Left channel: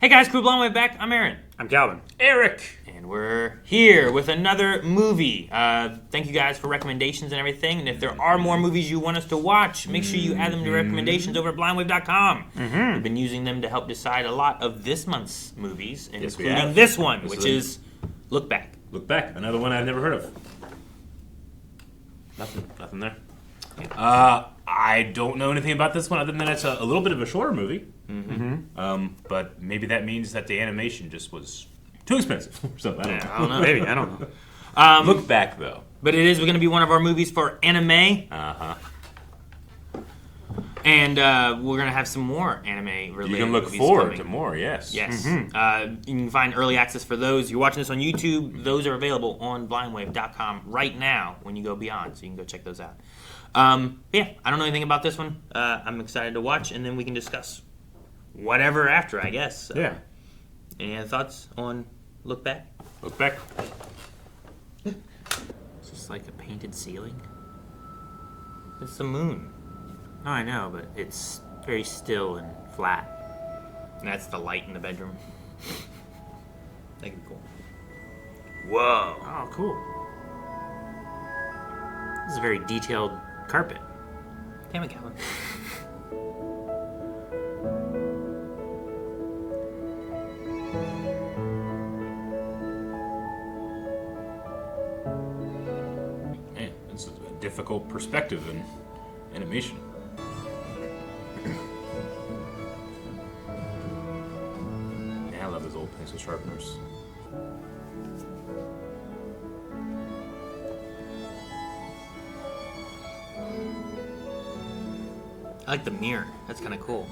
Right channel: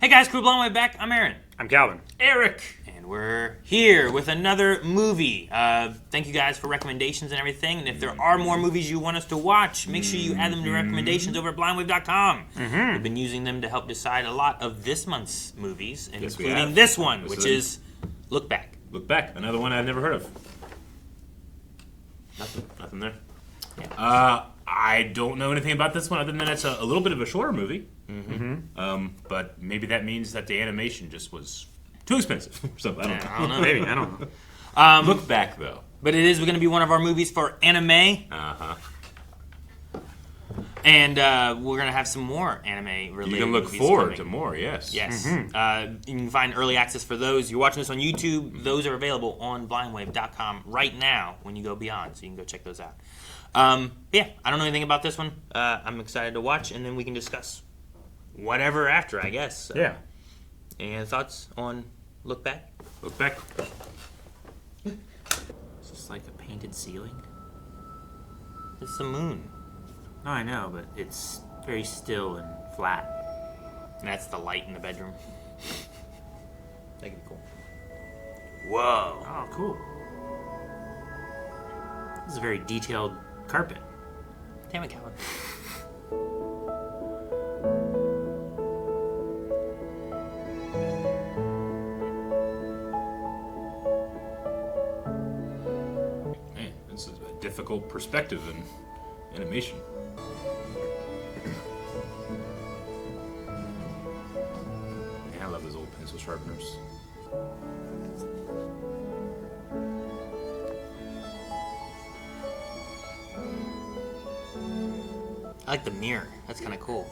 Hey guys, Crew Blonde Way back. I'm Aaron. I'm Calvin. Eric. And we're here with another movie. Thank you guys for recommendations and everything. And if there are more movies you want us to watch, make sure you add them to your recommendations over at blindwave.com. We've been using them to help decide a lot of this month's movies, including this one, which is Look Back. Look Back. Another one I've never heard of. Nothing there. Yeah. I don't know anything about this one other than it's a little bit of a shorter movie. But maybe that means that the animation just was too expensive or something. I don't know. Maybe, I don't know. Look Back, though. But it is going to be one of our movies for anime. And we're going to have some more anime related. You can look forward to more, yes. Yes. You can find early access for those. You're watching this on YouTube. Those are available on blindwave.com right now when you go beyond, so you can go check those out. Yeah, I don't know anything about this one. I'm excited to watch, and then we can discuss whatever after, I guess. So, Yeah. any thoughts on Look Back? Look Back. It's just like a painted ceiling. It's the moon. No, I know, but it's very still and flat. And that's the light in the bedroom. Like, cool. Whoa. Oh, cool. This is a very detailed carpet. Damn it, Calvin. Man, this is a difficult perspective in animation. Yeah, I love those old pencil sharpeners. I like the mirror. That's kind of cool.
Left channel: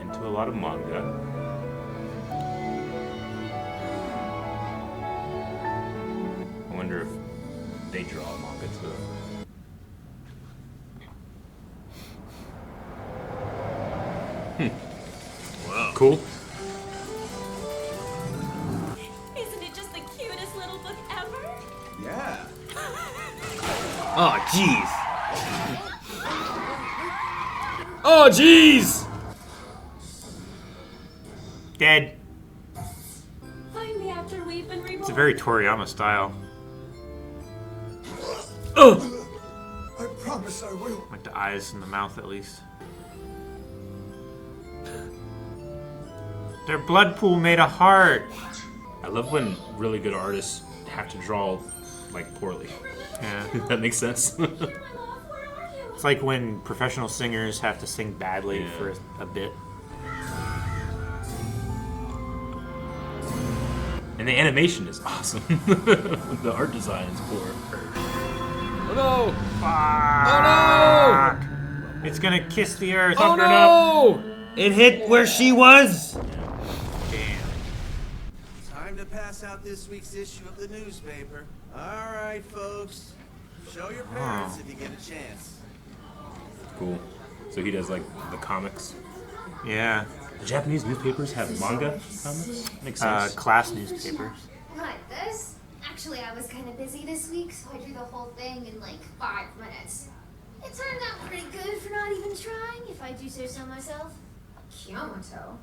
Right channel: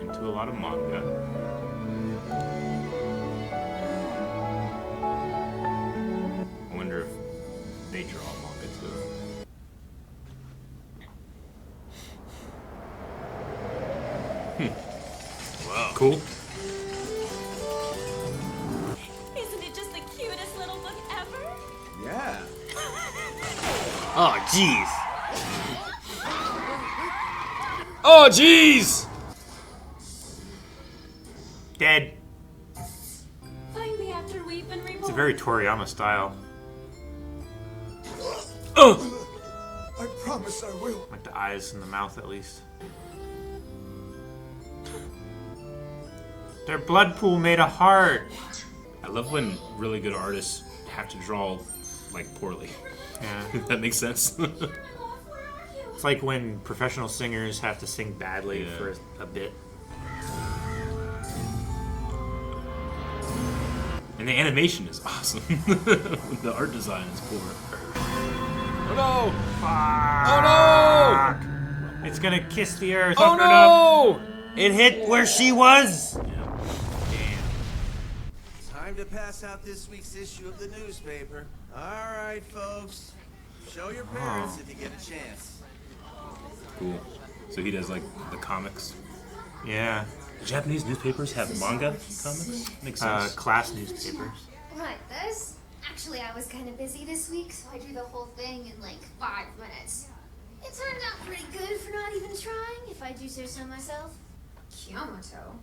Into a lot of manga. I wonder if they draw manga too. Wow. Cool. Isn't it just the cutest little book ever? Yeah. Oh, jeez. Oh, jeez. Dead. Find me after we've been reborn. It's a very Toriyama style. Oh. I promise I will. Like the eyes and the mouth, at least. Their blood pool made a heart. I love when really good artists have to draw like poorly. Yeah. If that makes sense. It's like when professional singers have to sing badly for a bit. And the animation is awesome. The art design is poor. Oh, no. Oh, no. It's gonna kiss the earth. Oh, no. It hit where she was. Time to pass out this week's issue of the newspaper. All right, folks. Show your parents if you get a chance. Cool. So he does like the comics. Yeah. The Japanese newspapers have manga comics? Makes sense. Class newspapers. Like this? Actually, I was kind of busy this week, so I drew the whole thing in like 5 minutes. It turned out pretty good for not even trying, if I do say so myself. Kiyotaka?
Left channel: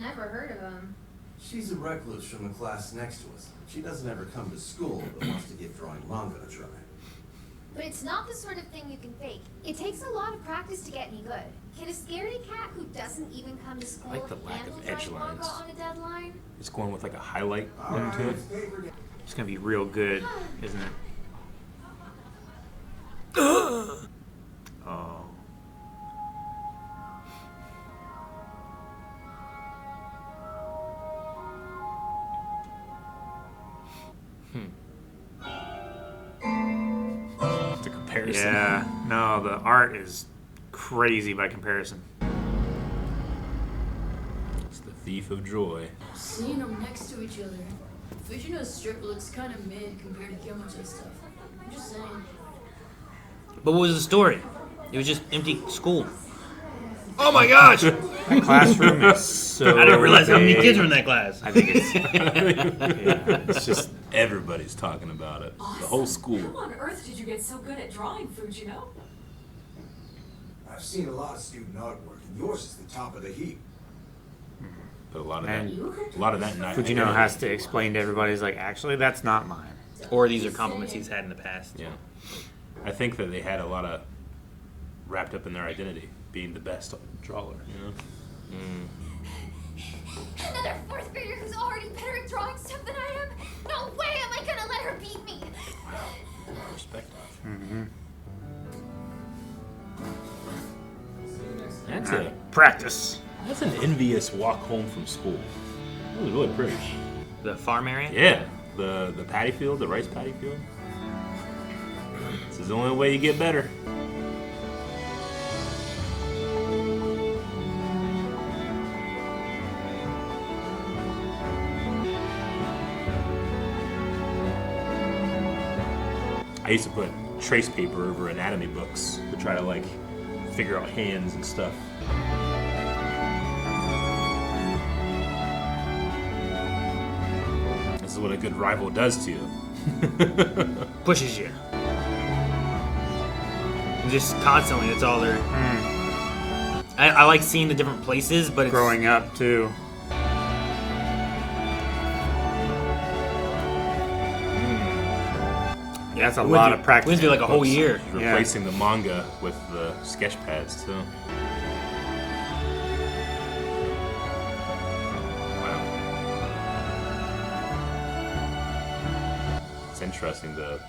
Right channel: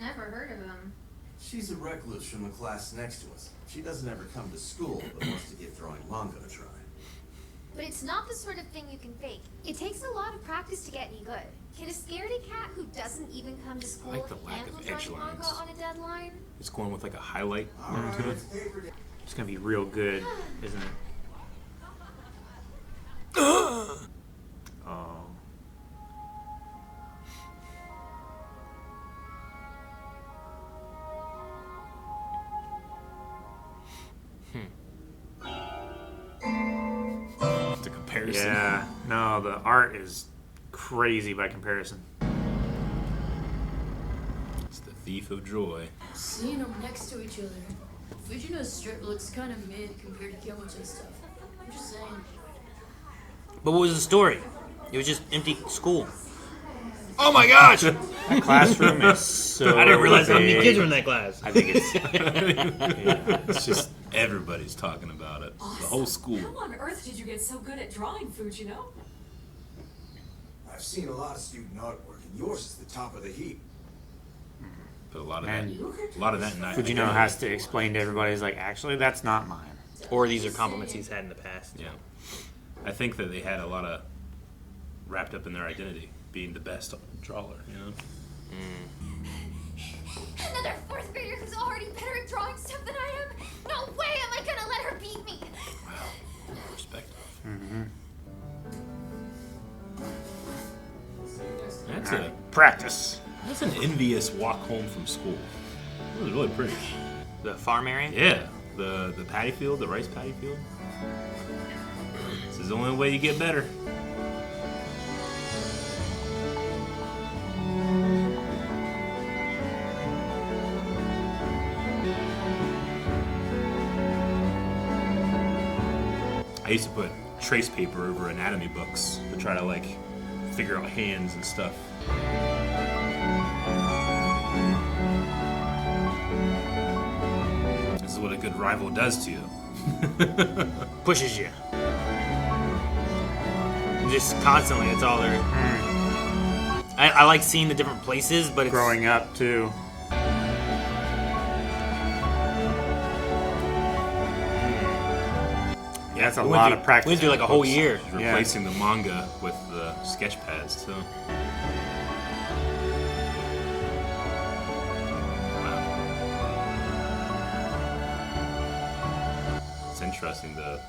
Never heard of him. She's a recluse from the class next to us. She doesn't ever come to school, but wants to give drawing manga a try. But it's not the sort of thing you can fake. It takes a lot of practice to get any good. Can a scaredy cat who doesn't even come to school like the lack handle of edge drawing manga lines. on a deadline? It's going with like a highlight look to it. It's gonna be real good, isn't it? Oh. The comparison. Yeah. No, the art is crazy by comparison. It's the thief of joy. Seeing them next to each other, Fujimoto's strip looks kind of mid compared to Kiyomoto's stuff. I'm just saying. But what was the story? It was just empty school. Oh my gosh! That classroom is so I didn't realize how many big. kids were in that class. I think it's yeah, it's just Everybody's talking about it. The whole school. How on earth did you get so good at drawing, Fujino? I've seen a lot of student artwork. and yours is the top of the heap. But a lot of And that night. Fujino has to explain to everybody, he's like, actually, that's not mine. Or these are compliments he's had in the past. Yeah. I think that they had a lot of wrapped up in their identity, being the best drawer, you know? Another fourth grader who's already better at drawing stuff than I am? No way am I gonna let her beat me! Wow. Respect. Practice. That's an envious walk home from school. It was really pretty. The farm area? Yeah. The paddy field, the rice paddy field. This is the only way you get better. I used to put trace paper over anatomy books to try to like figure out hands and stuff. This is what a good rival does to you. Pushes you. Just constantly, it's all there. I like seeing the different places, but it's... Growing up, too. Yeah, that's a lot of practice. It would be like a whole year. Replacing the manga with the sketch pads, too. Wow. It's interesting, the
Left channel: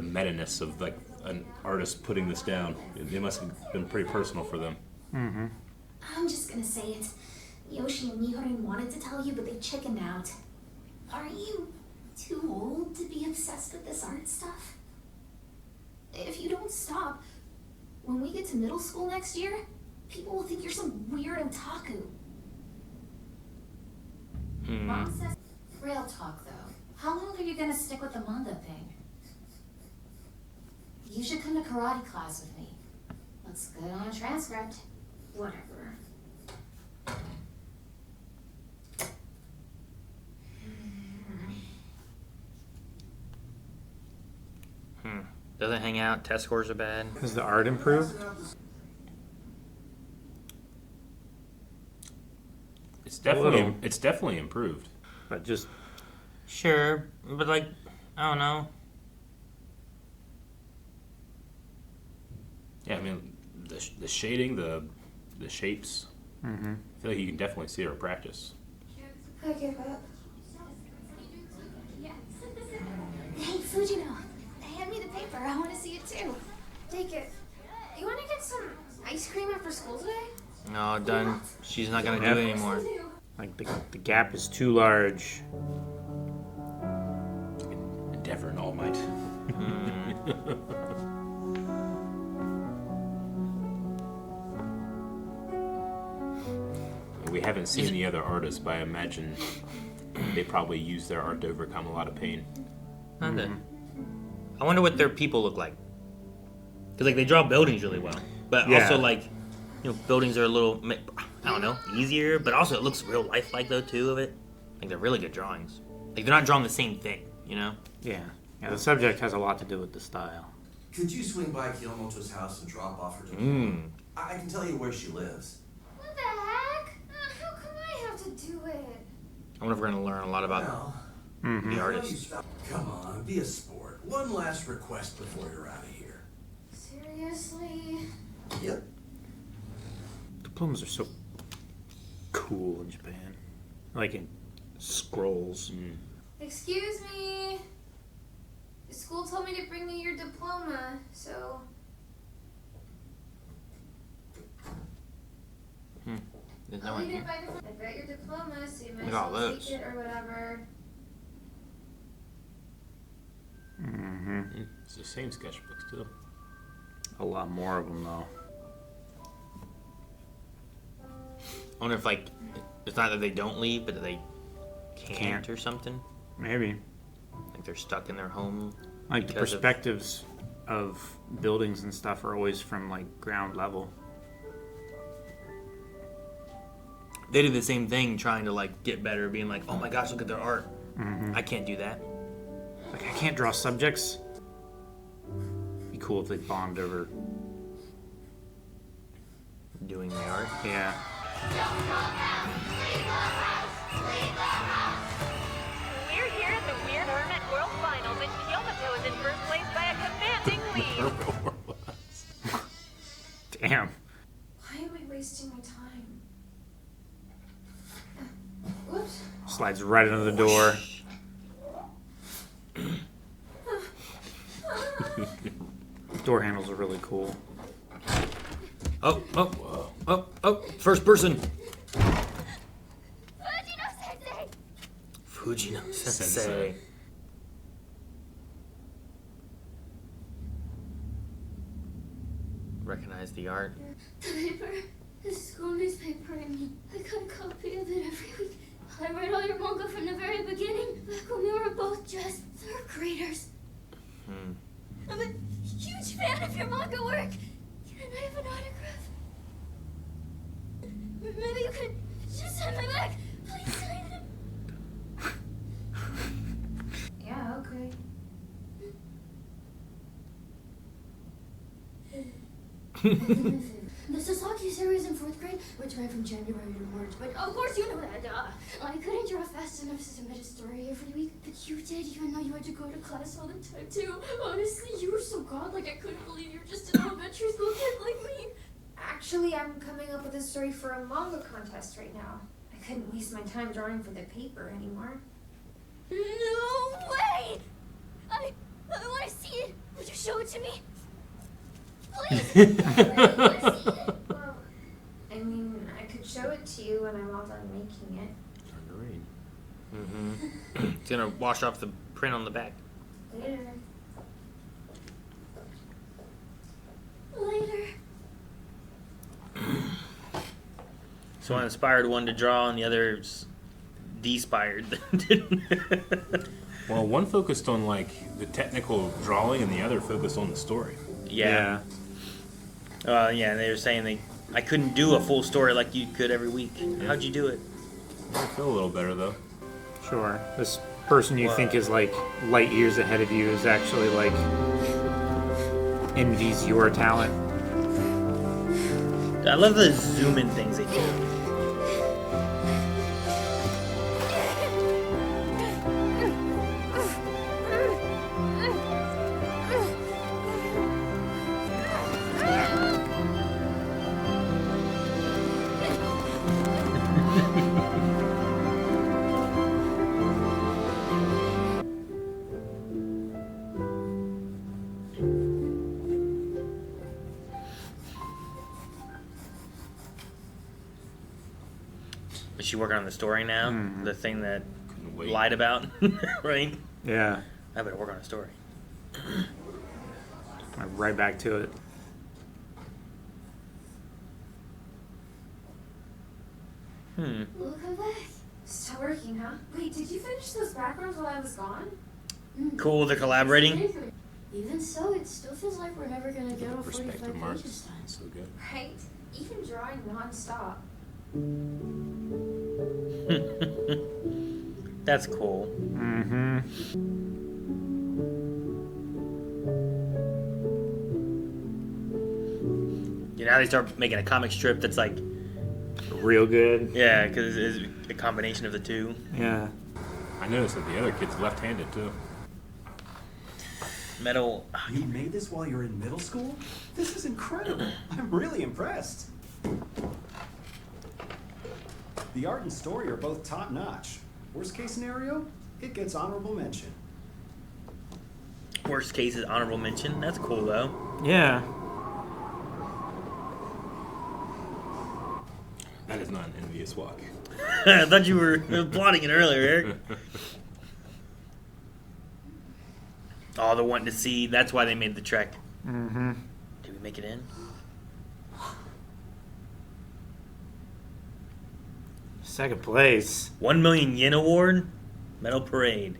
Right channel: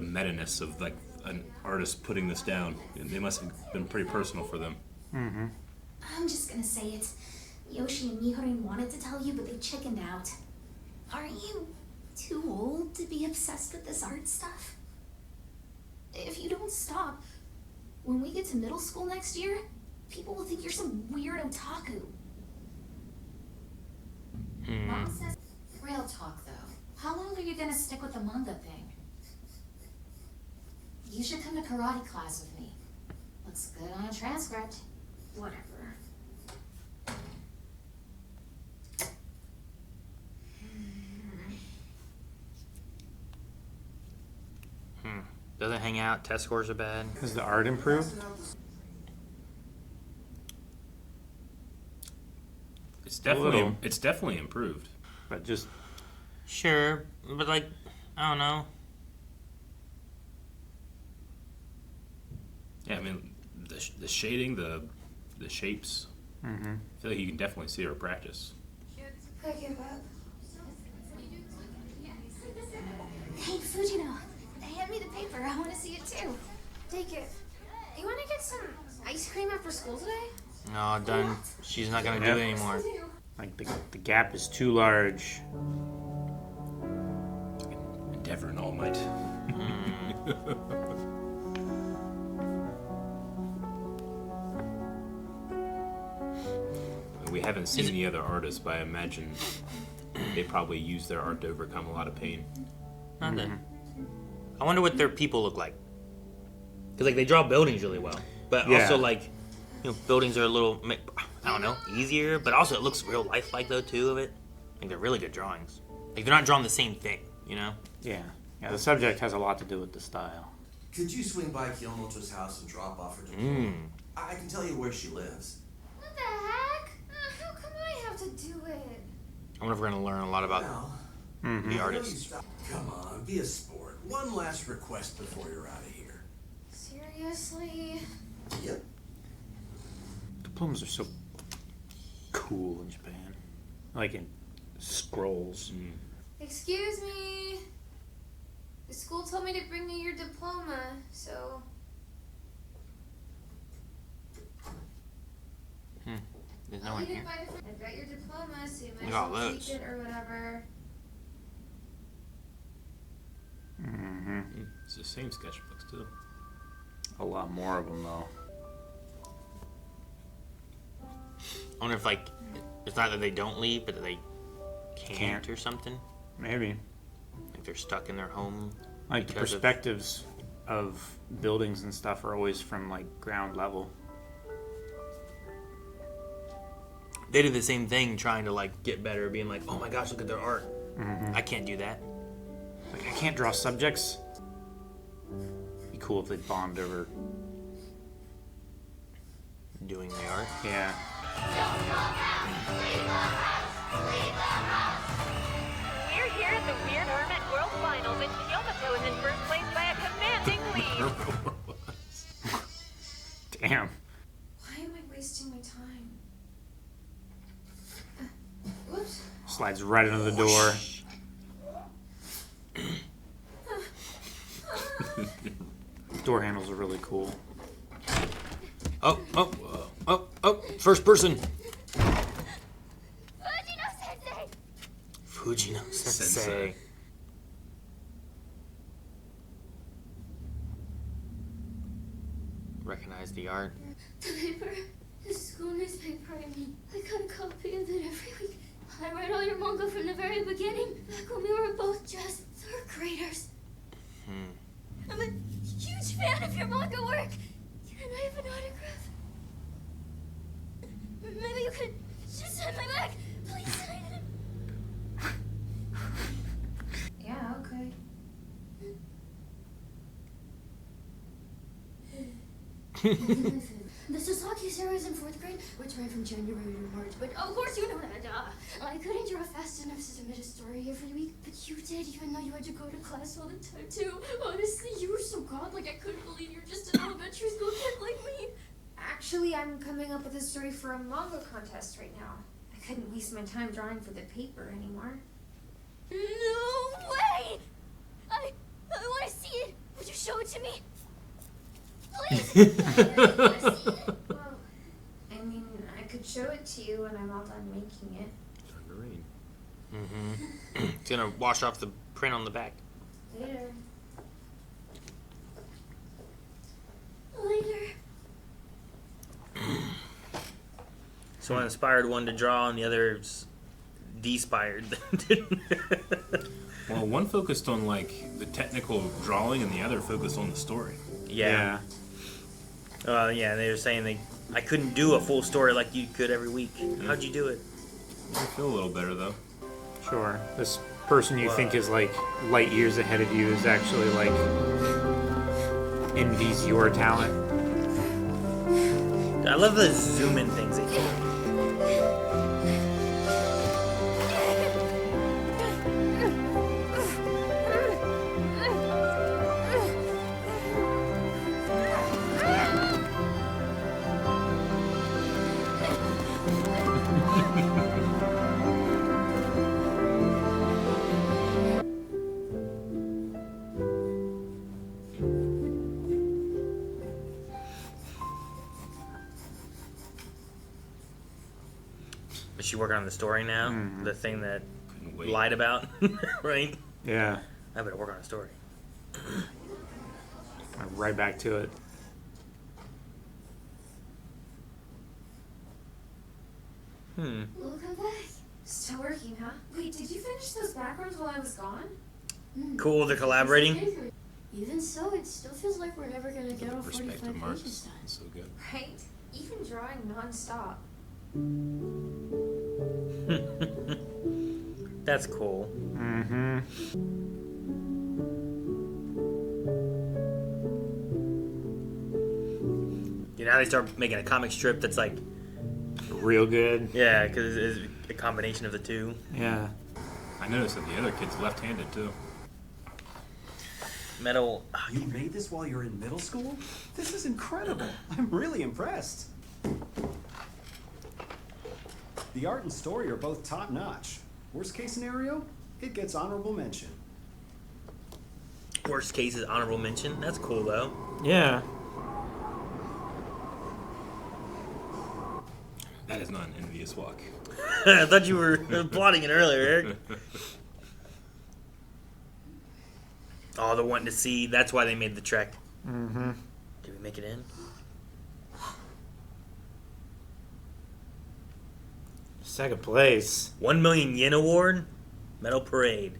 meta-ness of like an artist putting this down. It must have been pretty personal for them. I'm just gonna say it. Yoshi and Mihorin wanted to tell you, but they chickened out. Aren't you too old to be obsessed with this art stuff? If you don't stop, when we get to middle school next year, people will think you're some weird otaku. Mom says... Real talk, though. How long are you gonna stick with the manga thing? You should come to karate class with me. Looks good on a transcript. Whatever. Doesn't hang out, test scores are bad. Has the art improved? It's definitely improved. But just... Sure, but like, I don't know. Yeah, I mean, the shading, the shapes. I feel like you can definitely see her practice. I give up. Hey, Fujino. Hand me the paper. I want to see it too. Take it. You want to get some ice cream after school today? No, done. She's not gonna do it anymore. Like, the gap is too large. Endeavor and All Might. We haven't seen the other artists, but I imagine they probably use their art to overcome a lot of pain. Nothing. I wonder what their people look like. Cause like they draw buildings really well, but also like, you know, buildings are a little, I don't know, easier. But also it looks real lifelike though too of it. Like they're really good drawings. Like they're not drawing the same thing, you know? Yeah. The subject has a lot to do with the style. Could you swing by Kiyomoto's house and drop off her diploma? I can tell you where she lives. What the heck? How come I have to do it? I wonder if we're gonna learn a lot about Well, the artist. come on, be a sport. One last request before you're out of here. Seriously? Yep. Diplomas are so cool in Japan. Like in scrolls. Excuse me. The school told me to bring me your diploma, so... There's no I'll one leave here. it by the... I've got your diploma, so you might Look as at all well those. take it or whatever. It's the same sketchbooks too. A lot more of them, though. I wonder if like, it's not that they don't leave, but that they can't or something. Maybe. Like they're stuck in their home. Like the because of- perspectives of buildings and stuff are always from like ground level. They do the same thing, trying to like get better, being like, "Oh my gosh, look at their art! I can't do that." Like, I can't draw subjects. Be cool if they bond over Yeah. We're here at the Weird Hermit World Finals, and Kiyotaka is in first place by a commanding lead. Damn. Why am I wasting my time? Whoops. Slides right under the door. Door handles are really cool. Oh, first person. Fujino-sensei! Fujino-sensei. Recognize the art. The paper. The school newspaper. I mean, I got a copy of it every week. I read all your manga from the very beginning, back when we were both just third graders. I'm a huge fan of your manga work. Can I have an autograph? Maybe you could just sign my back. Please sign it. Yeah, okay. The Sasaki series in 4th grade, which ran from January to March, but of course you know that. I couldn't draw fast enough to submit a story every week, but you did, even though you had to go to class all the time too. Honestly, you were so godlike, I couldn't believe you were just an elementary school kid like me. Actually, I'm coming up with a story for a manga contest right now. I couldn't waste my time drawing for the paper anymore. No way! I want to see it. Would you show it to me? Please! Well, I mean, I could show it to you when I'm all done making it. Starting to rain. It's gonna wash off the print on the back. Later. Later. So one inspired one to draw, and the other's despired. Well, one focused on like the technical drawing, and the other focused on the story. Yeah. Yeah, they were saying I couldn't do a full story like you could every week. How'd you do it? I feel a little better though. Sure. This person you think is like light years ahead of you is actually like envies your talent. I love the zoom in things they do. Is she working on the story now? The thing that Couldn't wait. lied about, right? Yeah. I better work on a story. Right back to it. Welcome back. Still working, huh? Wait, did you finish those backgrounds while I was gone? Cool, they're collaborating. Even so, it still feels like we're never gonna get all 45 Perspective marks. pages done. It's so good. Right? Even drawing non-stop. That's cool. Mm-hmm. Now they start making a comic strip that's like, Real good. yeah, because it's a combination of the two. Yeah. I noticed that the other kid's left-handed too. Metal. You made this while you're in middle school? This is incredible. I'm really impressed. The art and story are both top-notch. Worst case scenario, it gets honorable mention. Worst case is honorable mention. That's cool though. Yeah. That is not an envious walk. I thought you were plotting it earlier, Eric. Oh, they're wanting to see. That's why they made the trek. Mm-hmm. Did we make it in? Second place. 1 million yen award. Metal Parade.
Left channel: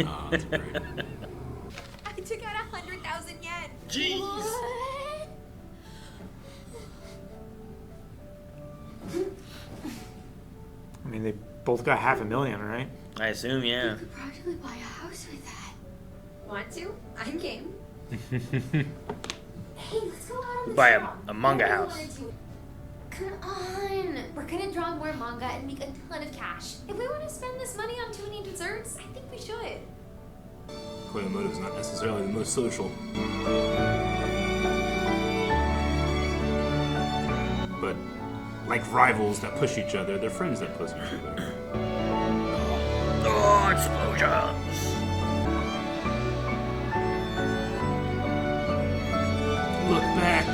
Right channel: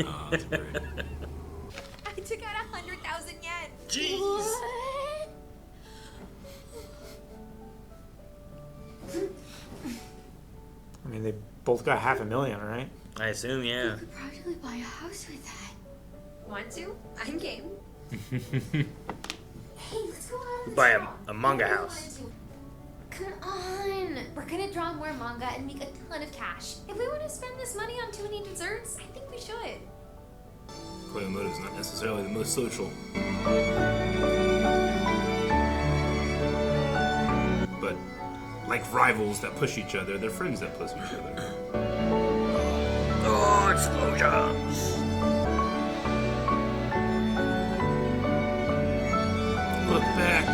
Oh, that's great. I took out 100,000 yen. Jeez. What? I mean, they both got 500,000, right? I assume, You yeah. could practically buy a house with that. Want to? I'm game. Hey, let's go out on the Buy trail. a manga I really house. wanted to. Come on. We're gonna draw more manga and make a ton of cash. If we want to spend this money on too many desserts, I think we should. Koyomoto is not necessarily the most social. But like rivals that push each other, they're friends that push each other. Oh, explosions! Look back.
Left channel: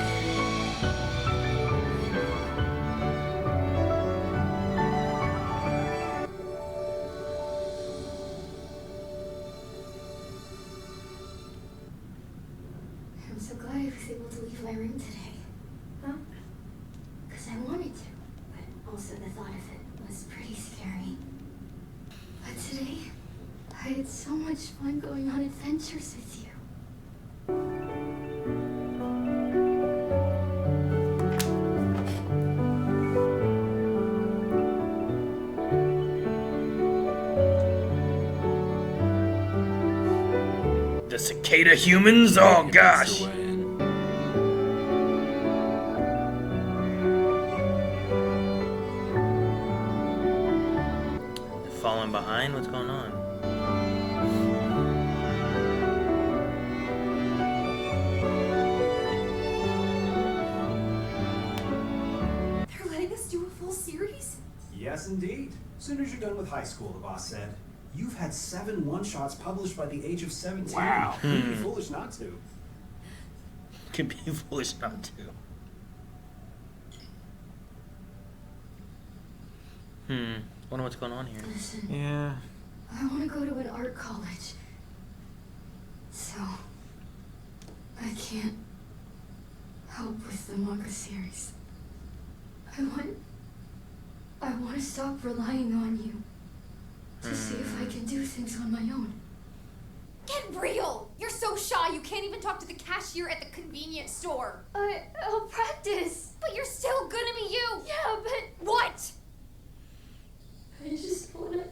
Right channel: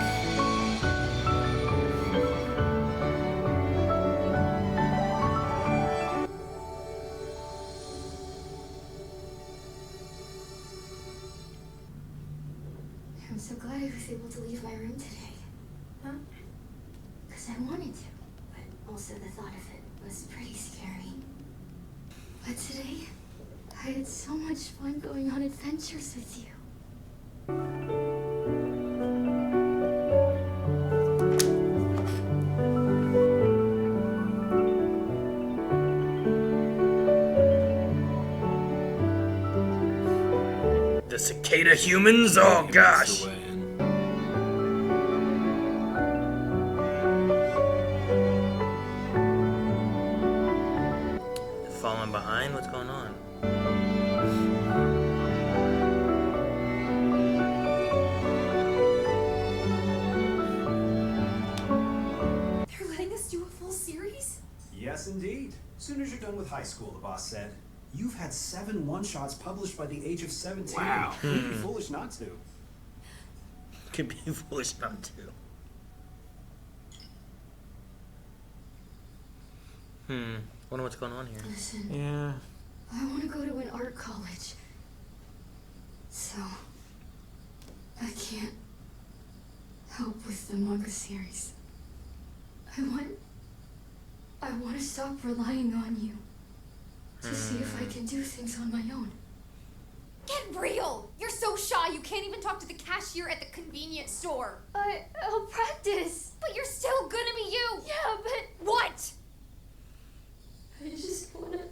I'm so glad I was able to leave my room today. Huh? Because I wanted to, but also the thought of it was pretty scary. But today, I had so much fun going on adventures with you. The cicada humans? Oh gosh! Falling behind? What's going on? They're letting us do a full series? Yes, indeed. Soon as you're done with high school, the boss said. You've had 7 one-shots published by the age of 17. Wow. You'd be foolish not to. Could be foolish not to. Wonder what's going on here. Listen, Yeah. I want to go to an art college. So, I can't help with the manga series. I want to stop relying on you to see if I can do things on my own. Get real! You're so shy you can't even talk to the cashier at the convenience store. I'll practice. But you're still gonna be you! Yeah, but What? I just want to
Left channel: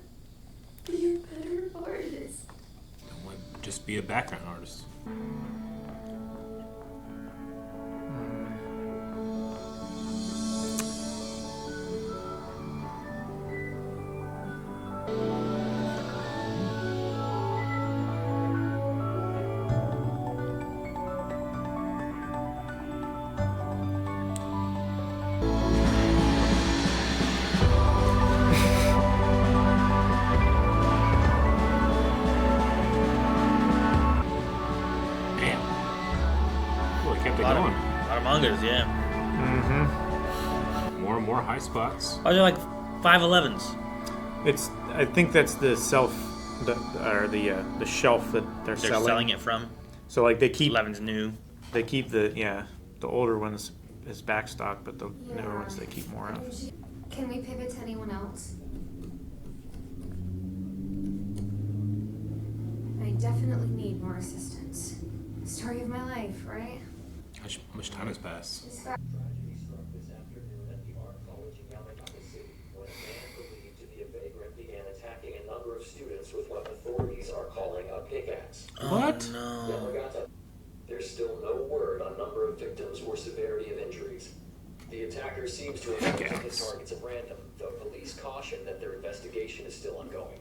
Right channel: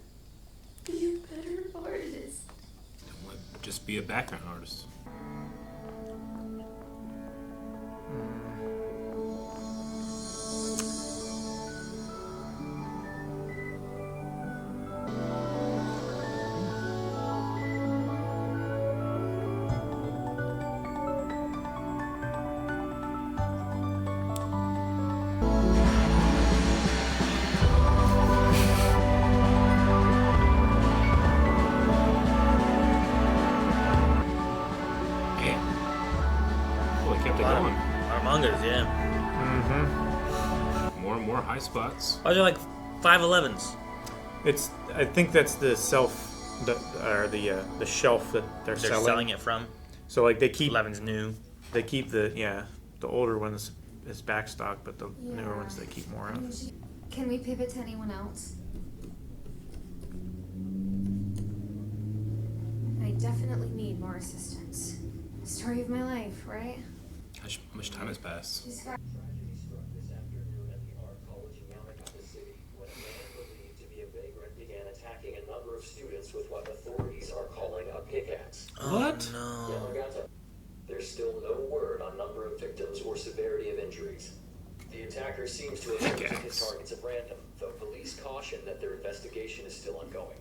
be a better artist. Just be a background artist. Damn. Well, it kept it going. Our mangas, yeah. More and more high spots. Oh, they're like 511s. It's. I think that's the shelf that they're They're selling. selling it from. So like they keep 11's new. the older ones as backstock, but the newer ones they keep more of. Can we pivot to anyone else? I definitely need more assistance. Story of my life, right? How much time has passed? Tragedy struck this afternoon at the art college in Yamagata City when a man believed to be a vagrant began attacking a number of students with what authorities are calling a pickaxe. What? No. Yamagata. There's still no word on number of victims or severity of injuries. The attacker seems to have chosen his targets at random, though police caution that their investigation is still ongoing.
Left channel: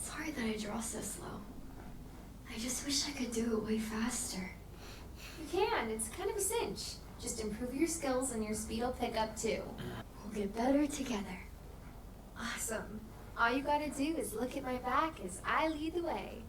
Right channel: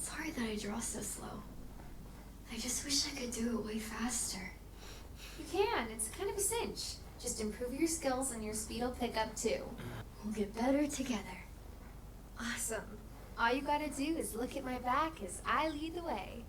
Sorry that I draw so slow. I just wish I could do it way faster. You can. It's kind of a cinch. Just improve your skills and your speed will pick up too. We'll get better together. Awesome. All you gotta do is look at my back as I lead the way.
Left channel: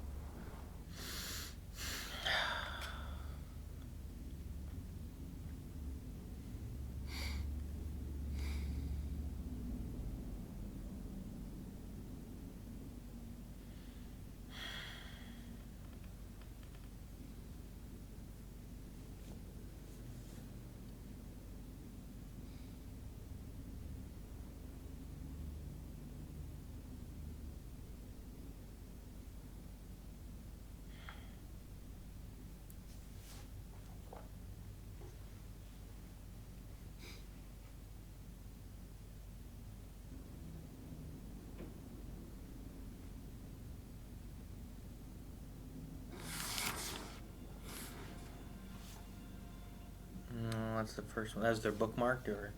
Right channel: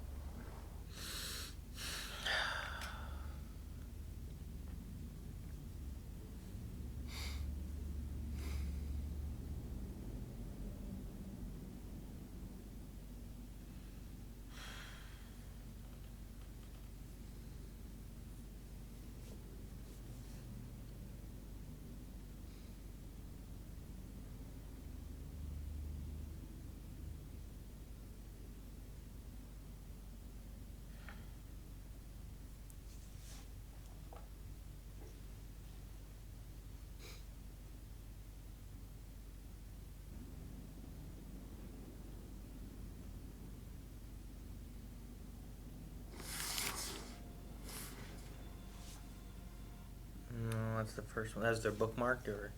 the first one. That's their bookmark, or?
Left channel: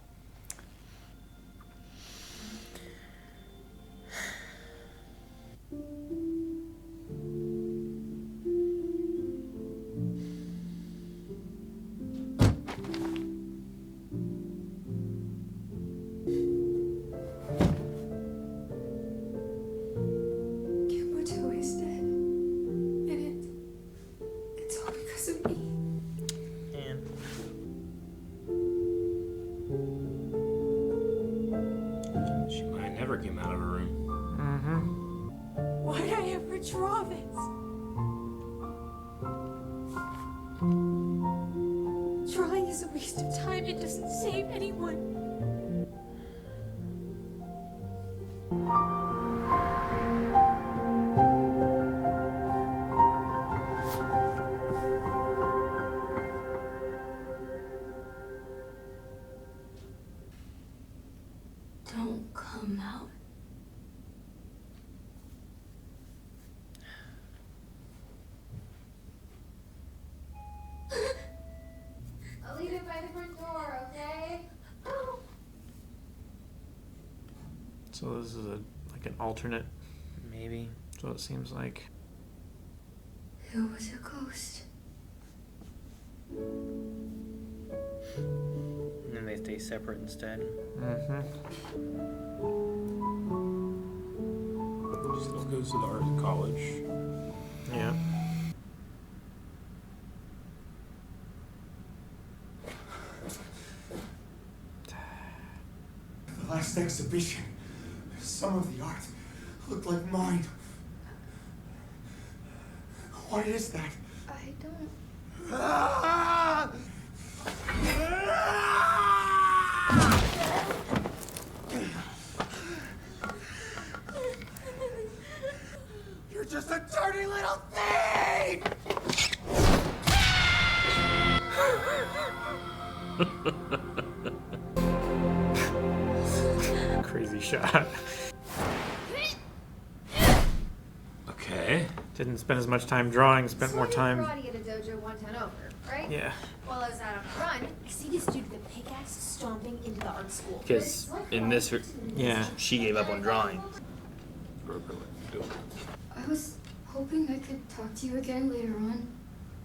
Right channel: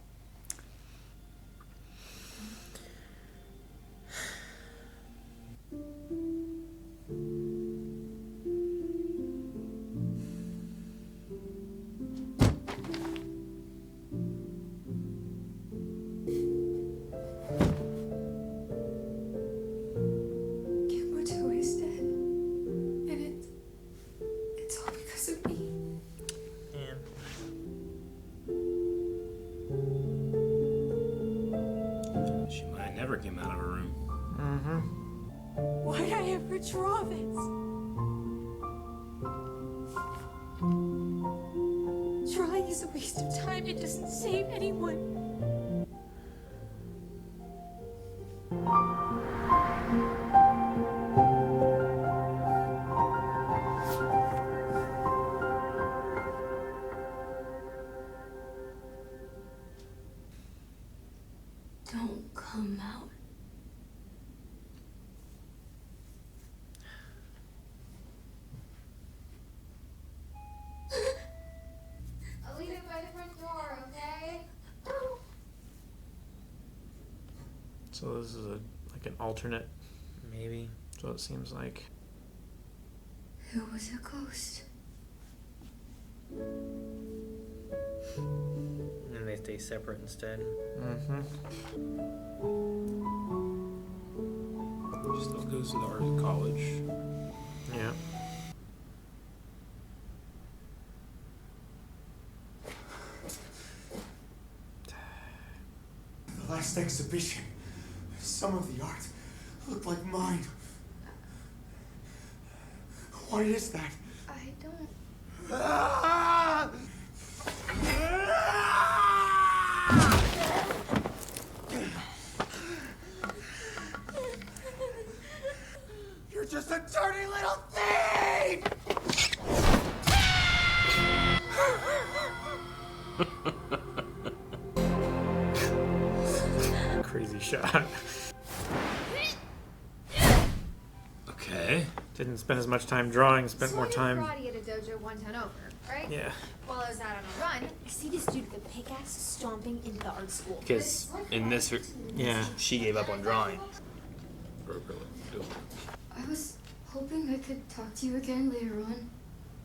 Kiyotaka is dead. And it's all because of me. She might never came out of her room. Why'd I ever draw this? Drawing is a waste of time. It doesn't save anyone. Don't come out. I'll leave it by the front door, okay? So this is like an alternate. Maybe. So it seems like. It was a ghost. And then they stay separate instead. She still goes to the art college. Yeah. The last exhibition, some of the art looked like mine. What is that? I don't. Ah! You're just a dirty little thing! Crazy shot. Okay. Didn't spend as much time drawing, spent So more I did time. karate at a dojo one town over, right? Yeah. While I was out on a run, I see this dude with a pickaxe stomping into the art school. Because in this, Yeah. she gave up on drawing. I was hoping I could talk to you again later on.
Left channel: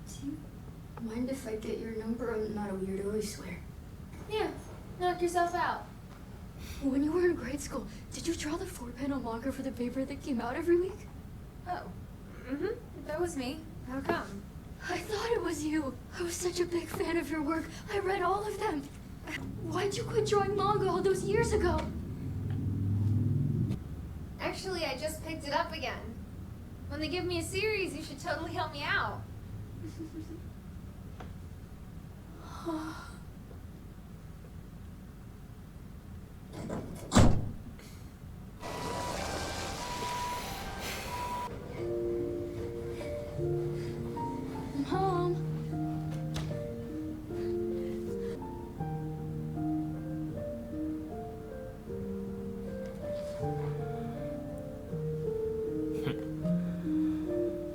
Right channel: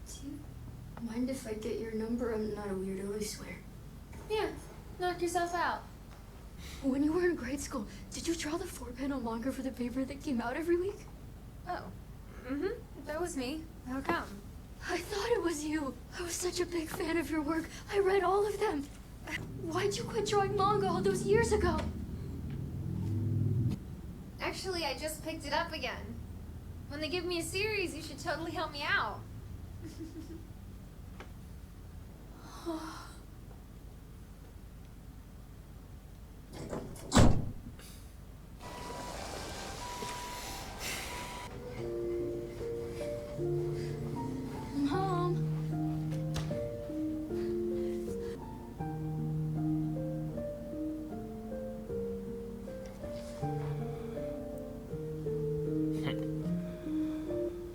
Do you mind if I get your number? I'm not a weirdo, I swear. Yeah, knock yourself out. When you were in grade school, did you draw the 4-panel manga for the paper that came out every week? Oh. Mm-hmm. That was me. How come? I thought it was you. I was such a big fan of your work. I read all of them. Why'd you quit drawing manga all those years ago? Actually, I just picked it up again. When they give me a series, you should totally help me out. Mom.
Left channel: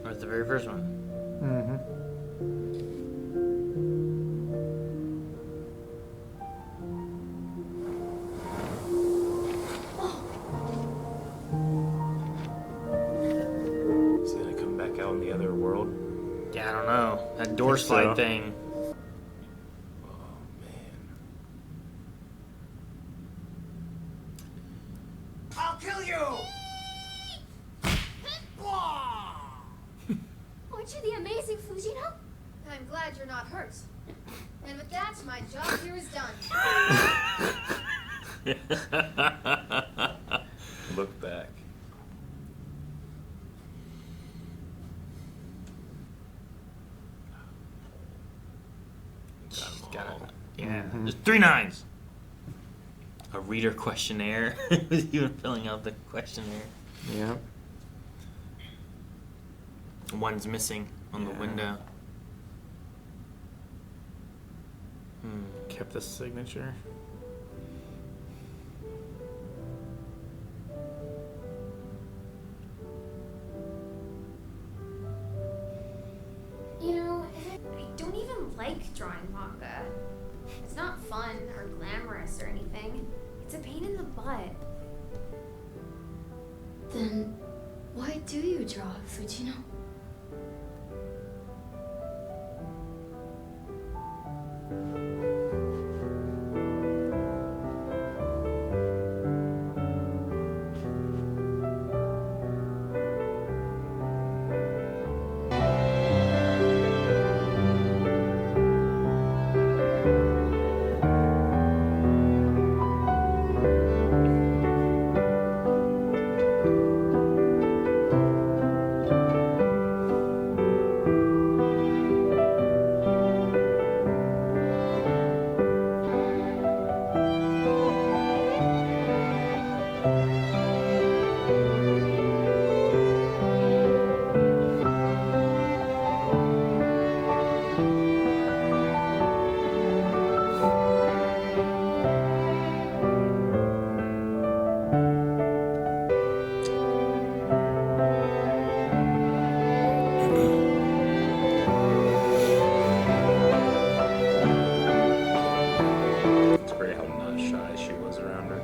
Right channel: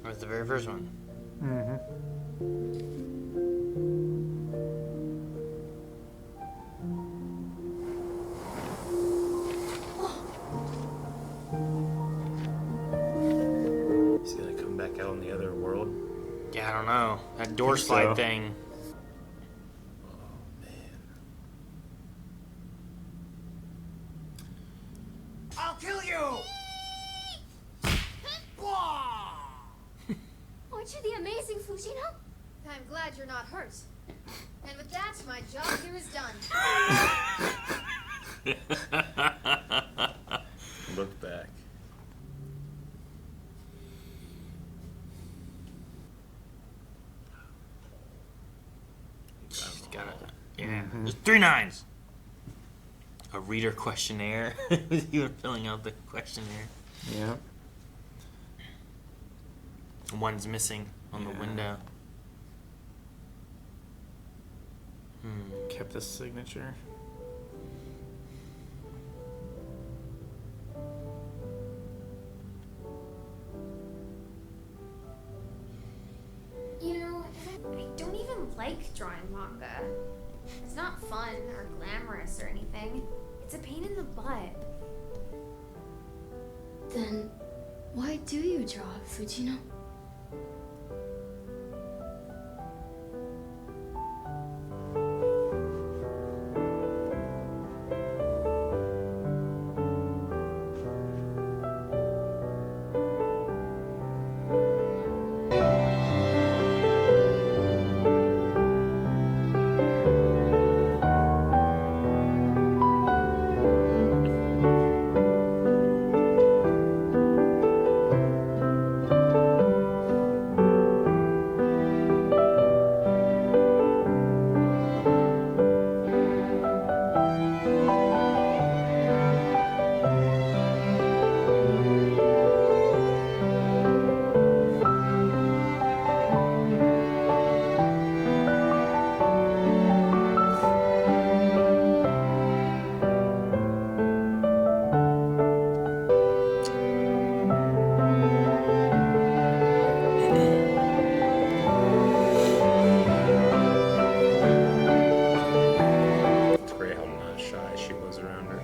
That's the very first one. Is he gonna come back out in the other world? Yeah, I don't know. That door Think slide so. thing. I'll kill you! Aren't you the amazing Fujino? I'm glad you're not hurt. And with that, my job here is done. Look back. She's got it. Yeah. There's 3 nines. A reader questionnaire. You were filling out the questionnaire. Yeah. One's missing on the window. Kept the signature. You know, I don't even like drawing manga. It's not fun or glamorous or anything. It's a pain in the butt. Then why do you draw, Fujino? It's great how not shy she was around her.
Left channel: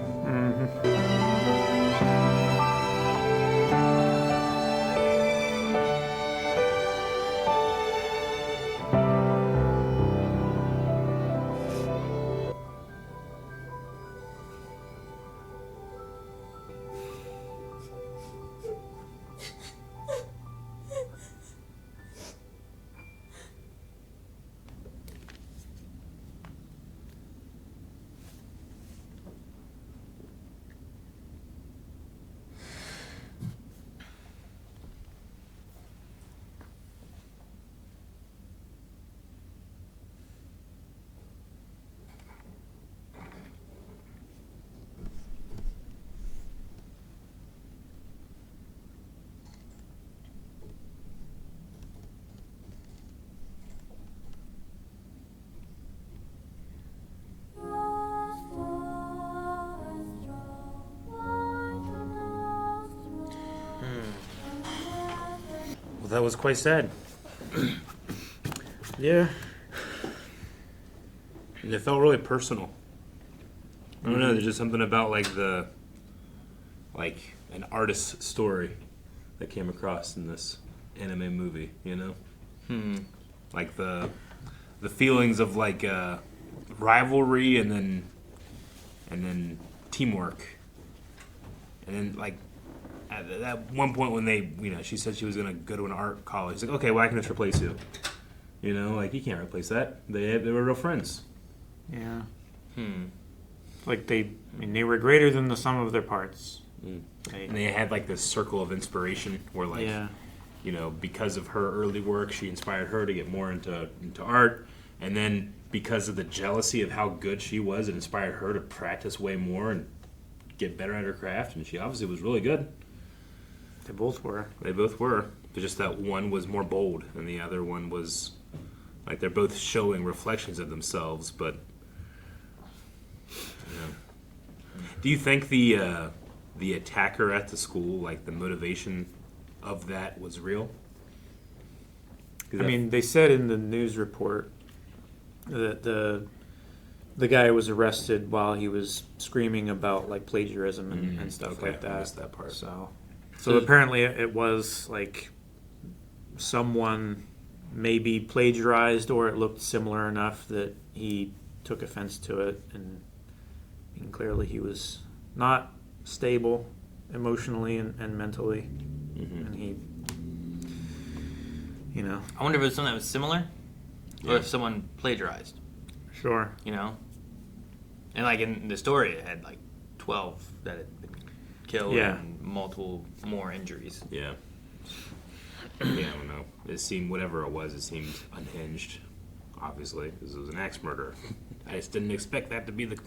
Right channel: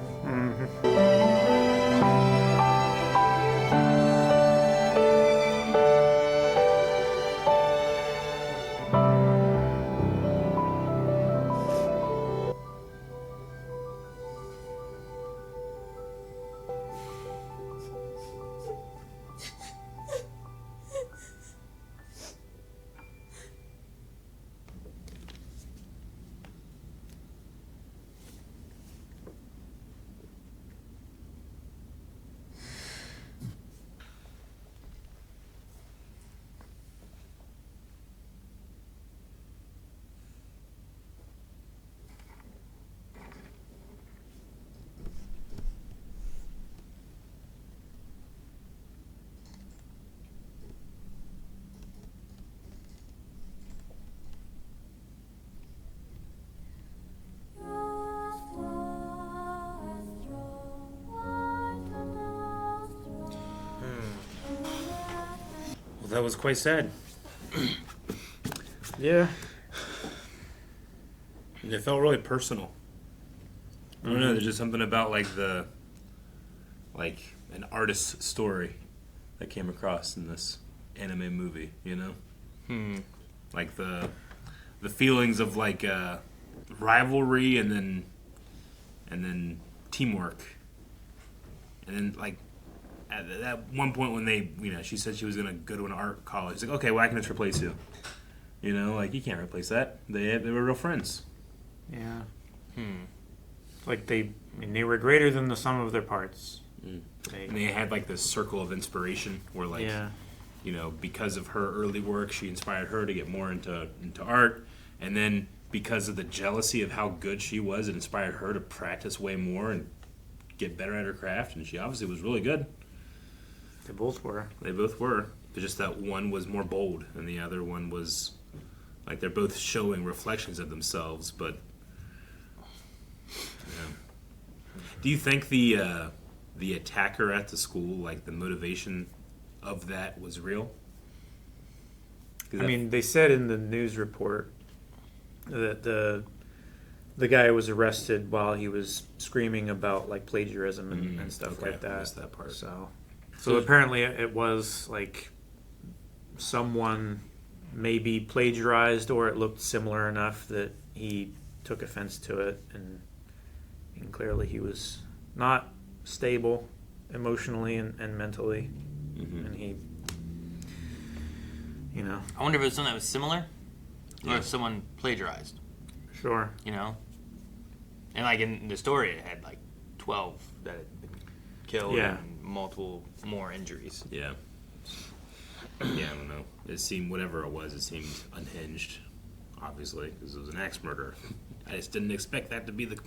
Well, that was quite sad. Yeah. And it felt really personal. I don't know, there's just something about like an artist's story that came across in this anime movie, you know? Like the feelings of like rivalry and then teamwork. And then like at one point when they, she said she was going to go to an art college. It's like, okay, well, I can just replace you. You know, like, you can't replace that. They were real friends. Yeah. Like they were greater than the sum of their parts. And they had like this circle of inspiration where like, because of her early work, she inspired her to get more into art. And then because of the jealousy of how good she was, it inspired her to practice way more and get better at her craft. And she obviously was really good. They both were. They both were. But just that one was more bold and the other one was like they're both showing reflections of themselves, but do you think the attacker at the school, like the motivation of that was real? They said in the news report that the guy was arrested while he was screaming about like plagiarism and stuff like that. I missed that part. So apparently it was like someone maybe plagiarized, or it looked similar enough that he took offense to it, and clearly he was not stable emotionally and mentally, and he, I wonder if it was something that was similar, or if someone plagiarized. Sure. And like in the story, it had like 12 that had been killed and multiple more injuries. Yeah. Yeah, I don't know. It seemed, whatever it was, it seemed unhinged, obviously, because it was an axe murder. I just didn't expect that to be what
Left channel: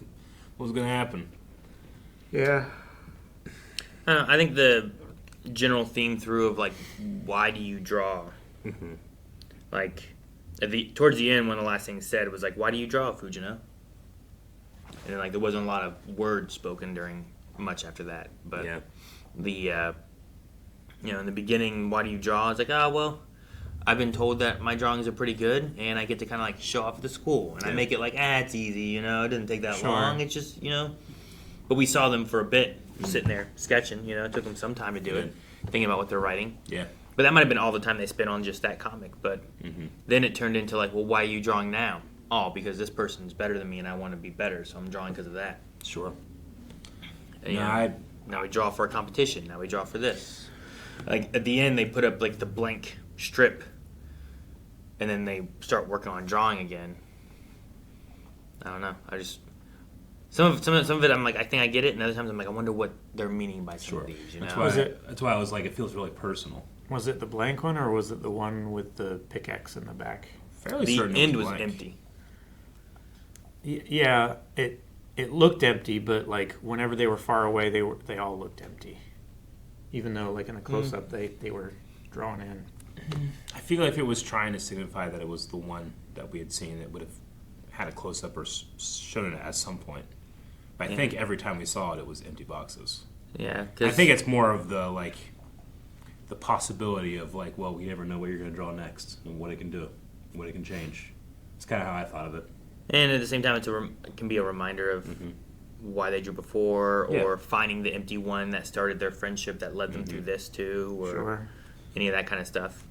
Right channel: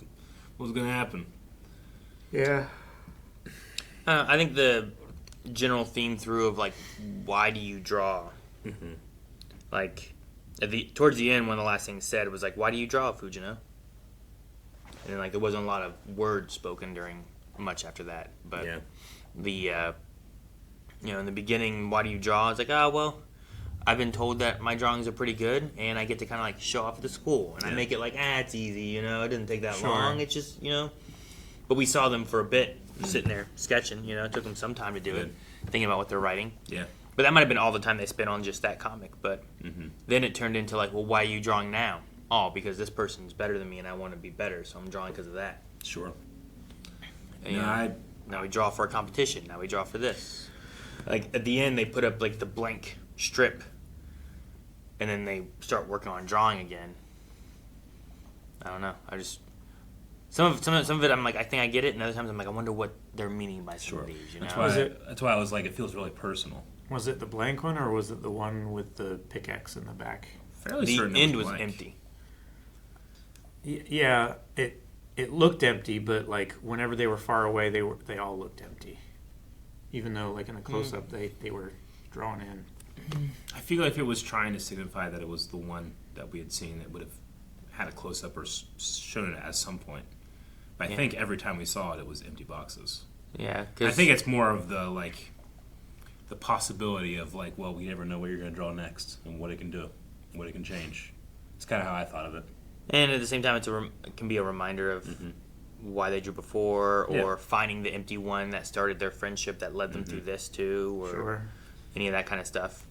was going to happen. Yeah. I think the general theme through of like, why do you draw? Like, towards the end, one of the last things said was like, why do you draw, Fujino? And like, there wasn't a lot of words spoken during much after that, but the in the beginning, why do you draw? It's like, I've been told that my drawings are pretty good, and I get to kind of like show off at the school, and I make it like, it's easy, you know, it doesn't take that long. It's just, you know. But we saw them for a bit, sitting there sketching, you know. It took them some time to do it, thinking about what they're writing. Yeah. But that might have been all the time they spent on just that comic. But then it turned into like, well, why are you drawing now? Oh, because this person's better than me, and I want to be better, so I'm drawing because of that. Sure. And, now we draw for a competition. Now we draw for this. Like at the end, they put up like the blank strip, and then they start working on drawing again. I don't know. I just some of it I'm like, I think I get it, and other times I'm like, I wonder what they're meaning by some of these. You know? That's why I was like, it feels really personal. Was it the blank one, or was it the one with the pickaxe in the back? Fairly certain the end was blank. empty. Yeah, it looked empty, but like whenever they were far away, they all looked empty. Even though like in the close up they were drawn in. I feel like it was trying to signify that it was the one that we had seen that would have had a close up or shown it at some point. But I think every time we saw it, it was empty boxes. Yeah, I think it's more of the like the possibility of like, well, we never know what you're going to draw next and what it can do, what it can change. It's kind of how I thought of it. And at the same time, it can be a reminder of why they drew before, or finding the empty one that started their friendship that led them through this too, or any of that kind of stuff.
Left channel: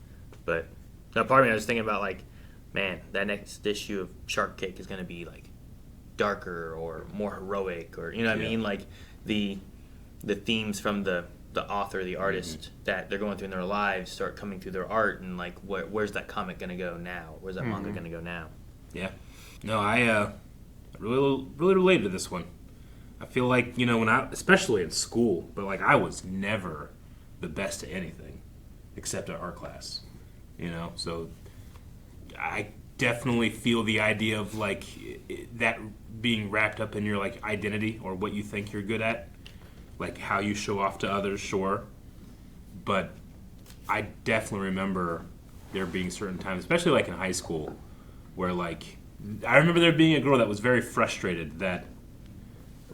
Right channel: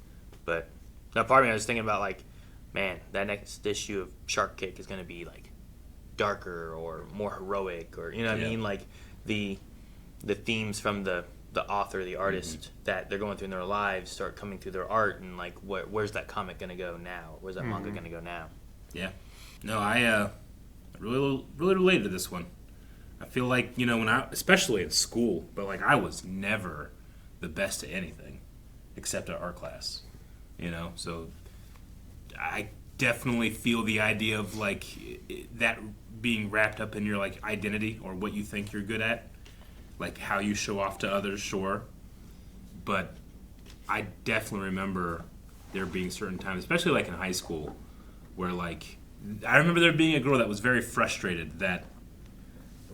But now part of me, I was thinking about like, man, that next issue of Shark Kick is going to be like darker or more heroic, or you know what I mean, like the themes from the author, the artist that they're going through in their lives start coming through their art, and like where's that comic going to go now? Where's that manga going to go now? Yeah. No, I really related to this one. I feel like, you know, when especially in school, but like I was never the best at anything except at art class, you know? So I definitely feel the idea of like that being wrapped up in your like identity or what you think you're good at, like how you show off to others, sure. But I definitely remember there being certain times, especially like in high school, where like I remember there being a girl that was very frustrated that,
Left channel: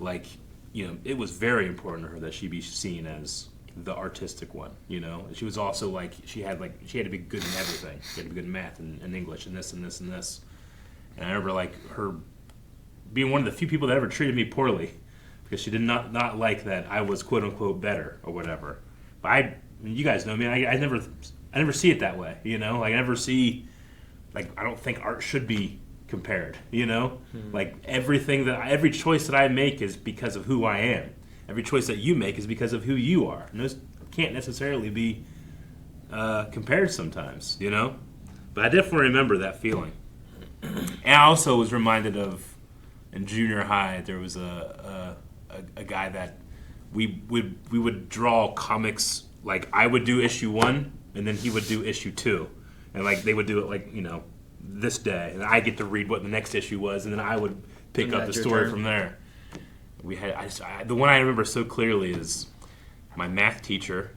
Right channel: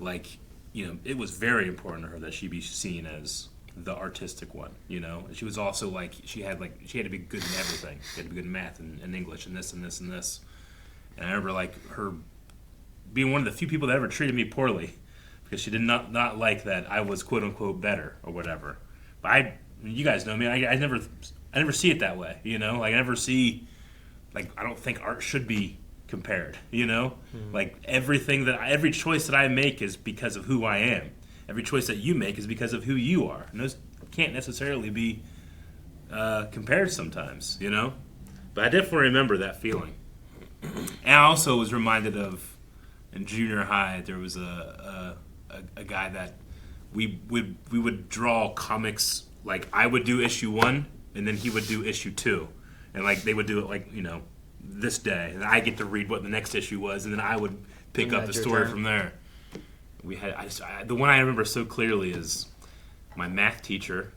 like, you know, it was very important to her that she be seen as the artistic one, you know? She was also, like, she had to be good in everything. She had to be good in math and English and this and this and this. And I remember, like, her being one of the few people that ever treated me poorly because she did not like that I was, quote-unquote, better or whatever. But you guys know me, I never see it that way, you know? Like, I never see, like, I don't think art should be compared, you know? Like every choice that I make is because of who I am. Every choice that you make is because of who you are. And those can't necessarily be compared sometimes, you know? But I definitely remember that feeling. And I also was reminded of in junior high there was a guy that we would draw comics, like I would do issue 1 and then he would do issue 2. And like they would do it like, you know, this day, and I get to read what the next issue was, and then I would pick up the story from there. We had the one I remember so clearly is my math teacher,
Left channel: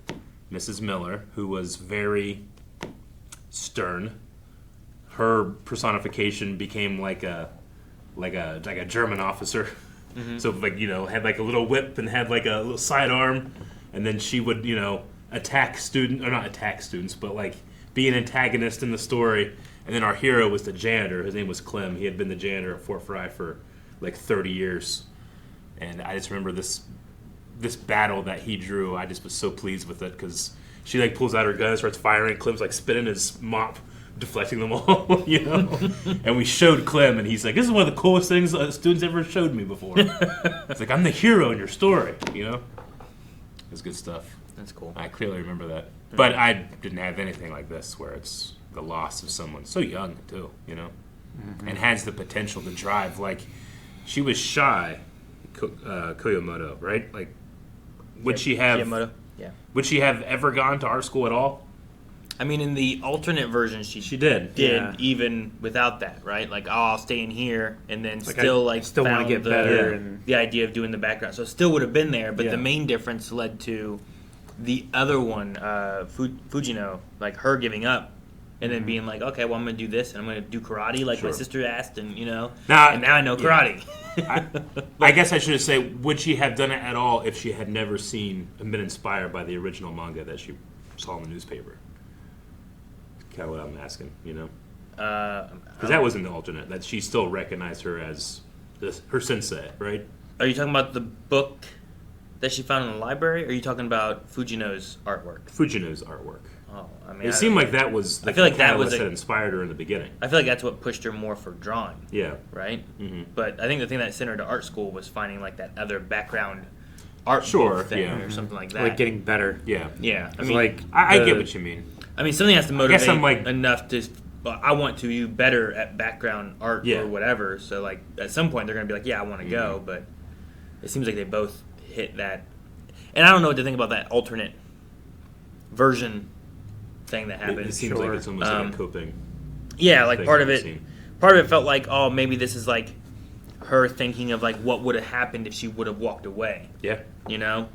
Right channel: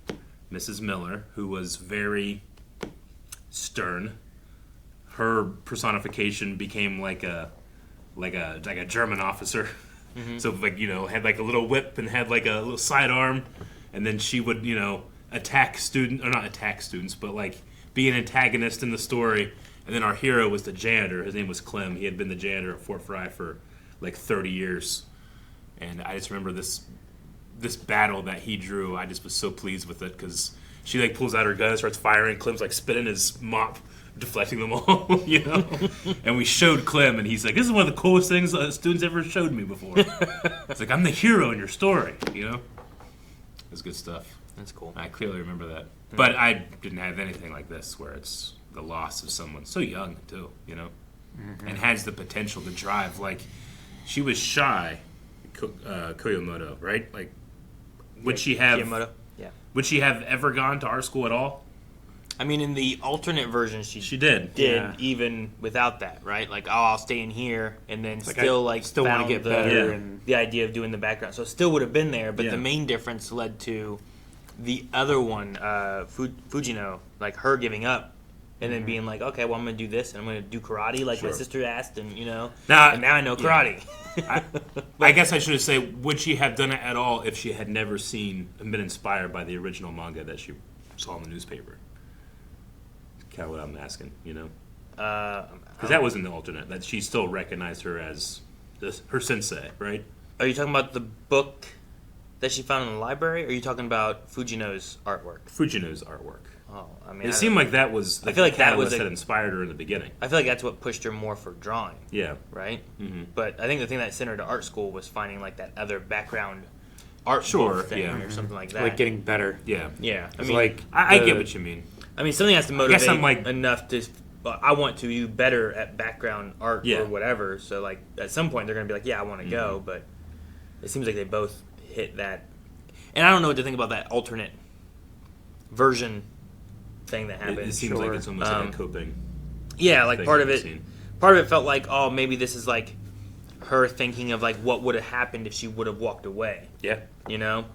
Mrs. Miller, who was very stern. Her personification became like a German officer. So like, you know, had like a little whip and had like a little sidearm, and then she would, you know, not attack students, but like be an antagonist in the story. And then our hero was the janitor. His name was Clem. He had been the janitor at Fort Fry for like 30 years. And I just remember this battle that he drew. I just was so pleased with it because she like pulls out her gun and starts firing. Clem's like spitting his mop, deflecting them all, you know? And we showed Clem, and he's like, this is one of the coolest things students ever showed me before. It's like, I'm the hero in your story, you know? It was good stuff. That's cool. I clearly remember that. But I didn't have anything like this where it's the loss of someone so young too, you know, and has the potential to drive. Like, she was shy, Koyomoto, right? Like, would she have ever gone to our school at all? I mean, in the alternate version, she did, even without that, right? Like, I'll stay in here, and then still want to get better, and the idea of doing the background. So it still would have been there, but the main difference led to the other one, Fujino, like her giving up. And then being like, okay, well, I'm going to do this, and I'm going to do karate like my sister asked, and, you know, and now I know karate. I guess I should say, would she have done it at all if she had never seen and been inspired by the original manga that she saw in the newspaper? kind of what I'm asking, you know? Because that was an alternate, that she still recognized her as her sensei, right? Are you talking about the book that she found in the library, or are you talking about Fujino's artwork? Fujino's artwork. Oh, I mean, it seemed like that was I feel like that was that inspired her in the beginning. I feel like that's what pushed her more for drawing. Yeah. Right? Mm-hmm. But I think the thing that sent her to art school was finding like that other background art sure, thing yeah. or something like that. Like getting better. Yeah. Yeah. I mean, like I get what you mean. I mean, something has to motivate I guess I'm like, enough to. I want to do better at background art Yeah. or whatever. So like at some point they're gonna be like, yeah, I want to go. But it seems like they both hit that. And I don't know what to think about that alternate version thing that happened. It seems like it's almost like a coping. Yeah, like part of scene. it felt like, oh, maybe this is like her thinking of like what would have happened if she would have walked away. Yeah. You know?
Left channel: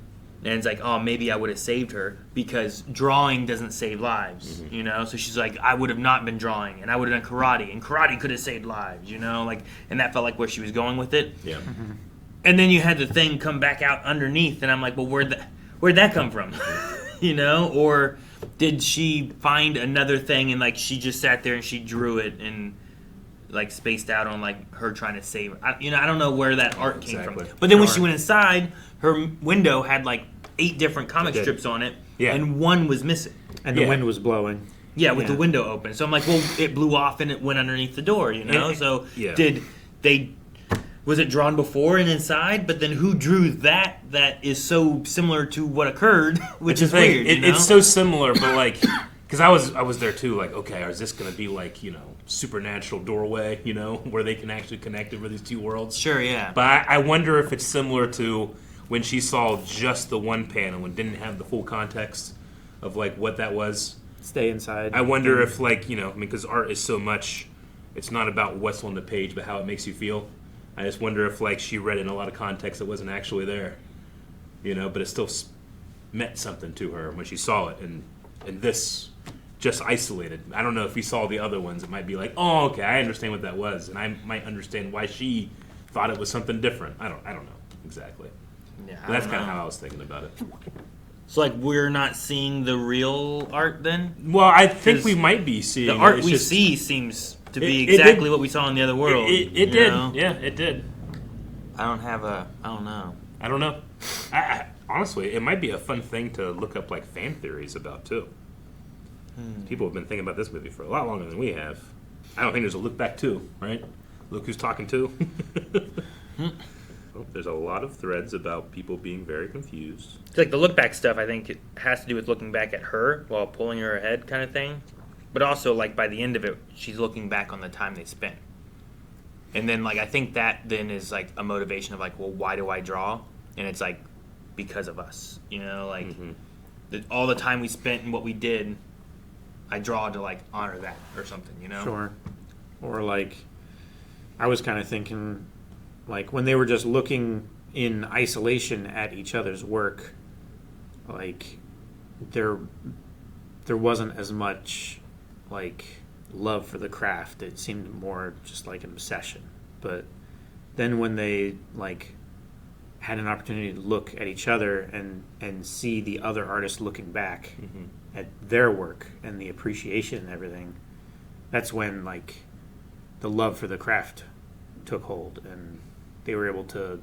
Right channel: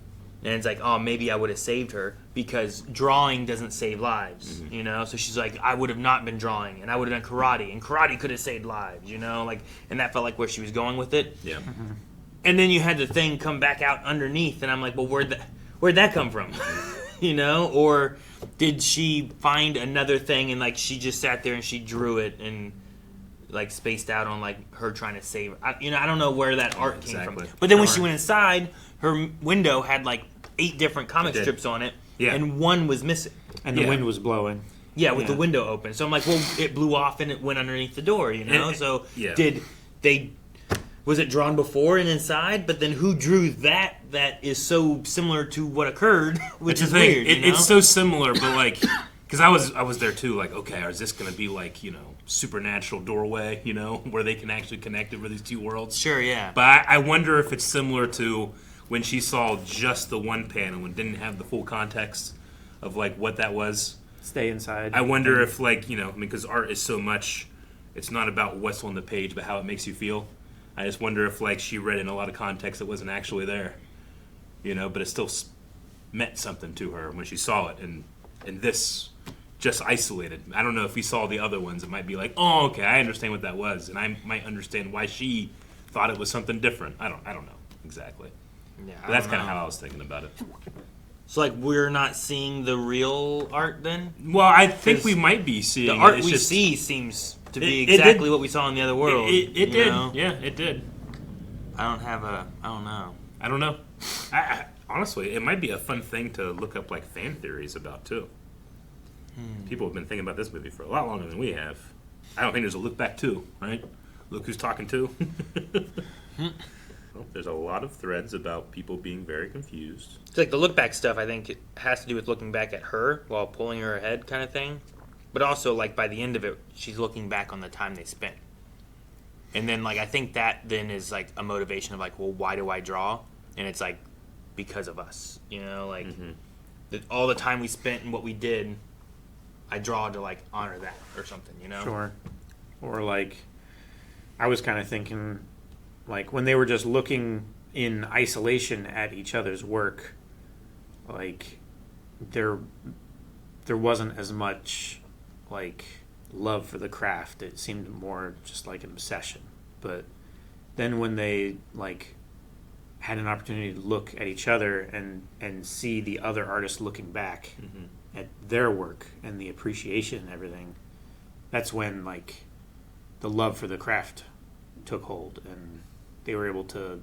And it's like, oh, maybe I would have saved her because drawing doesn't save lives, you know? So she's like, I would have not been drawing and I would have done karate and karate could have saved lives, you know? Like, and that felt like where she was going with it. Yeah. And then you had the thing come back out underneath and I'm like, well, where'd that come from? You know? Or did she find another thing and like she just sat there and she drew it and like spaced out on like her trying to save her? I don't know where that art came from. But then when she went inside, her window had like 8 different comic strips on it, and one was missing. And the wind was blowing. Yeah, with the window open. So I'm like, well, it blew off and it went underneath the door, you know? So was it drawn before and inside? But then who drew that is so similar to what occurred, which is weird, you know? It's so similar, but like, because I was there too, like, okay, is this going to be like, you know, supernatural doorway, you know, where they can actually connect over these two worlds? Sure, yeah. But I wonder if it's similar to when she saw just the one panel and didn't have the full context of like what that was. Stay inside. I wonder if like, you know, I mean, because art is so much, it's not about what's on the page, but how it makes you feel. I just wonder if like she read in a lot of context that wasn't actually there, you know, but it still meant something to her when she saw it. And this just isolated. I don't know if you saw the other ones, it might be like, oh, okay, I understand what that was, and I might understand why she thought it was something different. I don't know exactly. Yeah, but that's kind of how I was thinking about it. So like we're not seeing the real art then? Well, I think we might be seeing the art it. It's we just, see seems to be exactly what we saw in the other world. It did. Know? Yeah, it did. I don't know. I don't know. Honestly, it might be a fun thing to look up like fan theories about too. People have been thinking about this movie for a lot longer than we have. I don't think there's a look back 2, right? Look who's talking to. Well, there's a lot of threads about people being very confused. It's like the look back stuff, I think it has to do with looking back at her while pulling her ahead kind of thing. But also like by the end of it, she's looking back on the time they spent. And then like I think that then is like a motivation of like, well, why do I draw? And it's like because of us, you know, like all the time we spent and what we did, I draw to like honor that or something, you know? Sure. Or like, I was kind of thinking, like when they were just looking in isolation at each other's work, like there wasn't as much like love for the craft. It seemed more just like an obsession. But then when they like had an opportunity to look at each other and see the other artist looking back at their work and the appreciation and everything, that's when like the love for the craft took hold and they were able to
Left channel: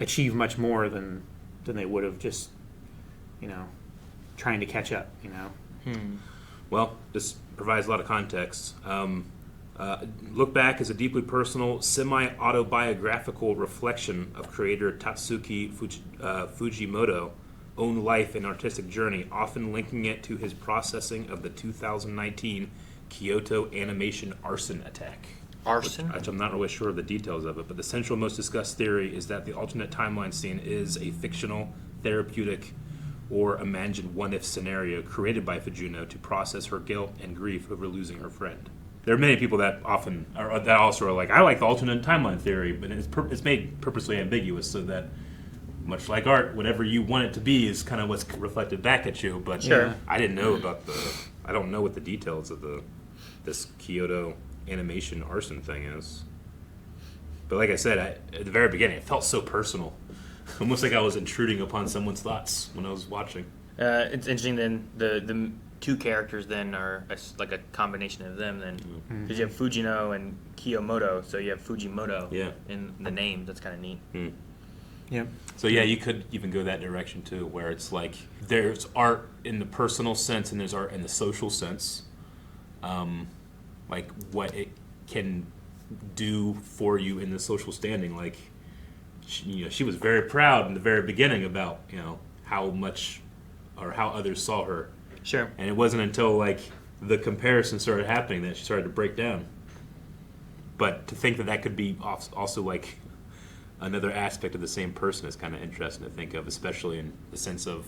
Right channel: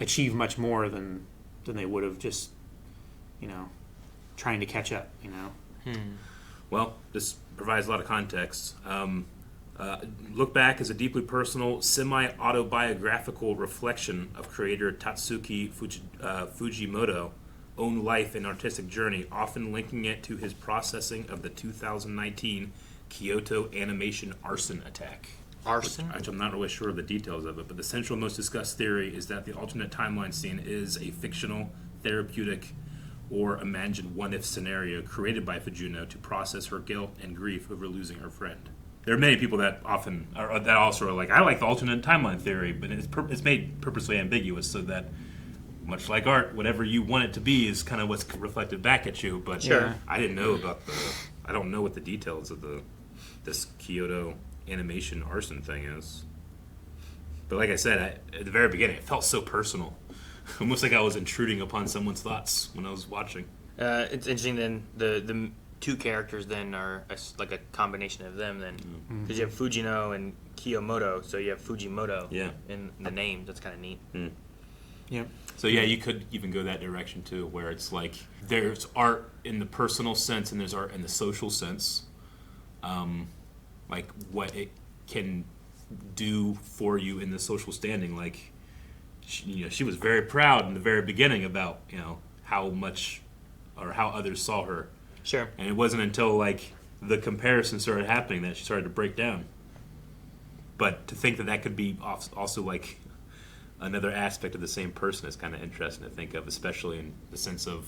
achieve much more than they would have just, you know, trying to catch up, you know. Well, this provides a lot of context. Look Back is a deeply personal, semi-autobiographical reflection of creator Tatsuki Fujimoto own life and artistic journey, often linking it to his processing of the 2019 Kyoto animation arson attack. Arson? Which I'm not really sure of the details of it, but the central most discussed theory is that the alternate timeline scene is a fictional, therapeutic, or imagined what-if scenario created by Fujino to process her guilt and grief over losing her friend. There are many people that also are like, I like the alternate timeline theory, but it's made purposely ambiguous so that, much like art, whatever you want it to be is kind of what's reflected back at you. But I didn't know about I don't know what the details of this Kyoto animation arson thing is. But like I said, at the very beginning, it felt so personal. Almost like I was intruding upon someone's thoughts when I was watching. It's interesting then, the two characters then are like a combination of them then. Because you have Fujino and Kiyomoto, so you have Fujimoto in the name. That's kind of neat. Yep. So yeah, you could even go that direction too, where it's like there's art in the personal sense and there's art in the social sense. Like what it can do for you in the social standing. Like, she was very proud in the very beginning about, how much or how others saw her. Sure. And it wasn't until like the comparison started happening that she started to break down. But to think that could be also like another aspect of the same person is kind of interesting to think of, especially in the sense of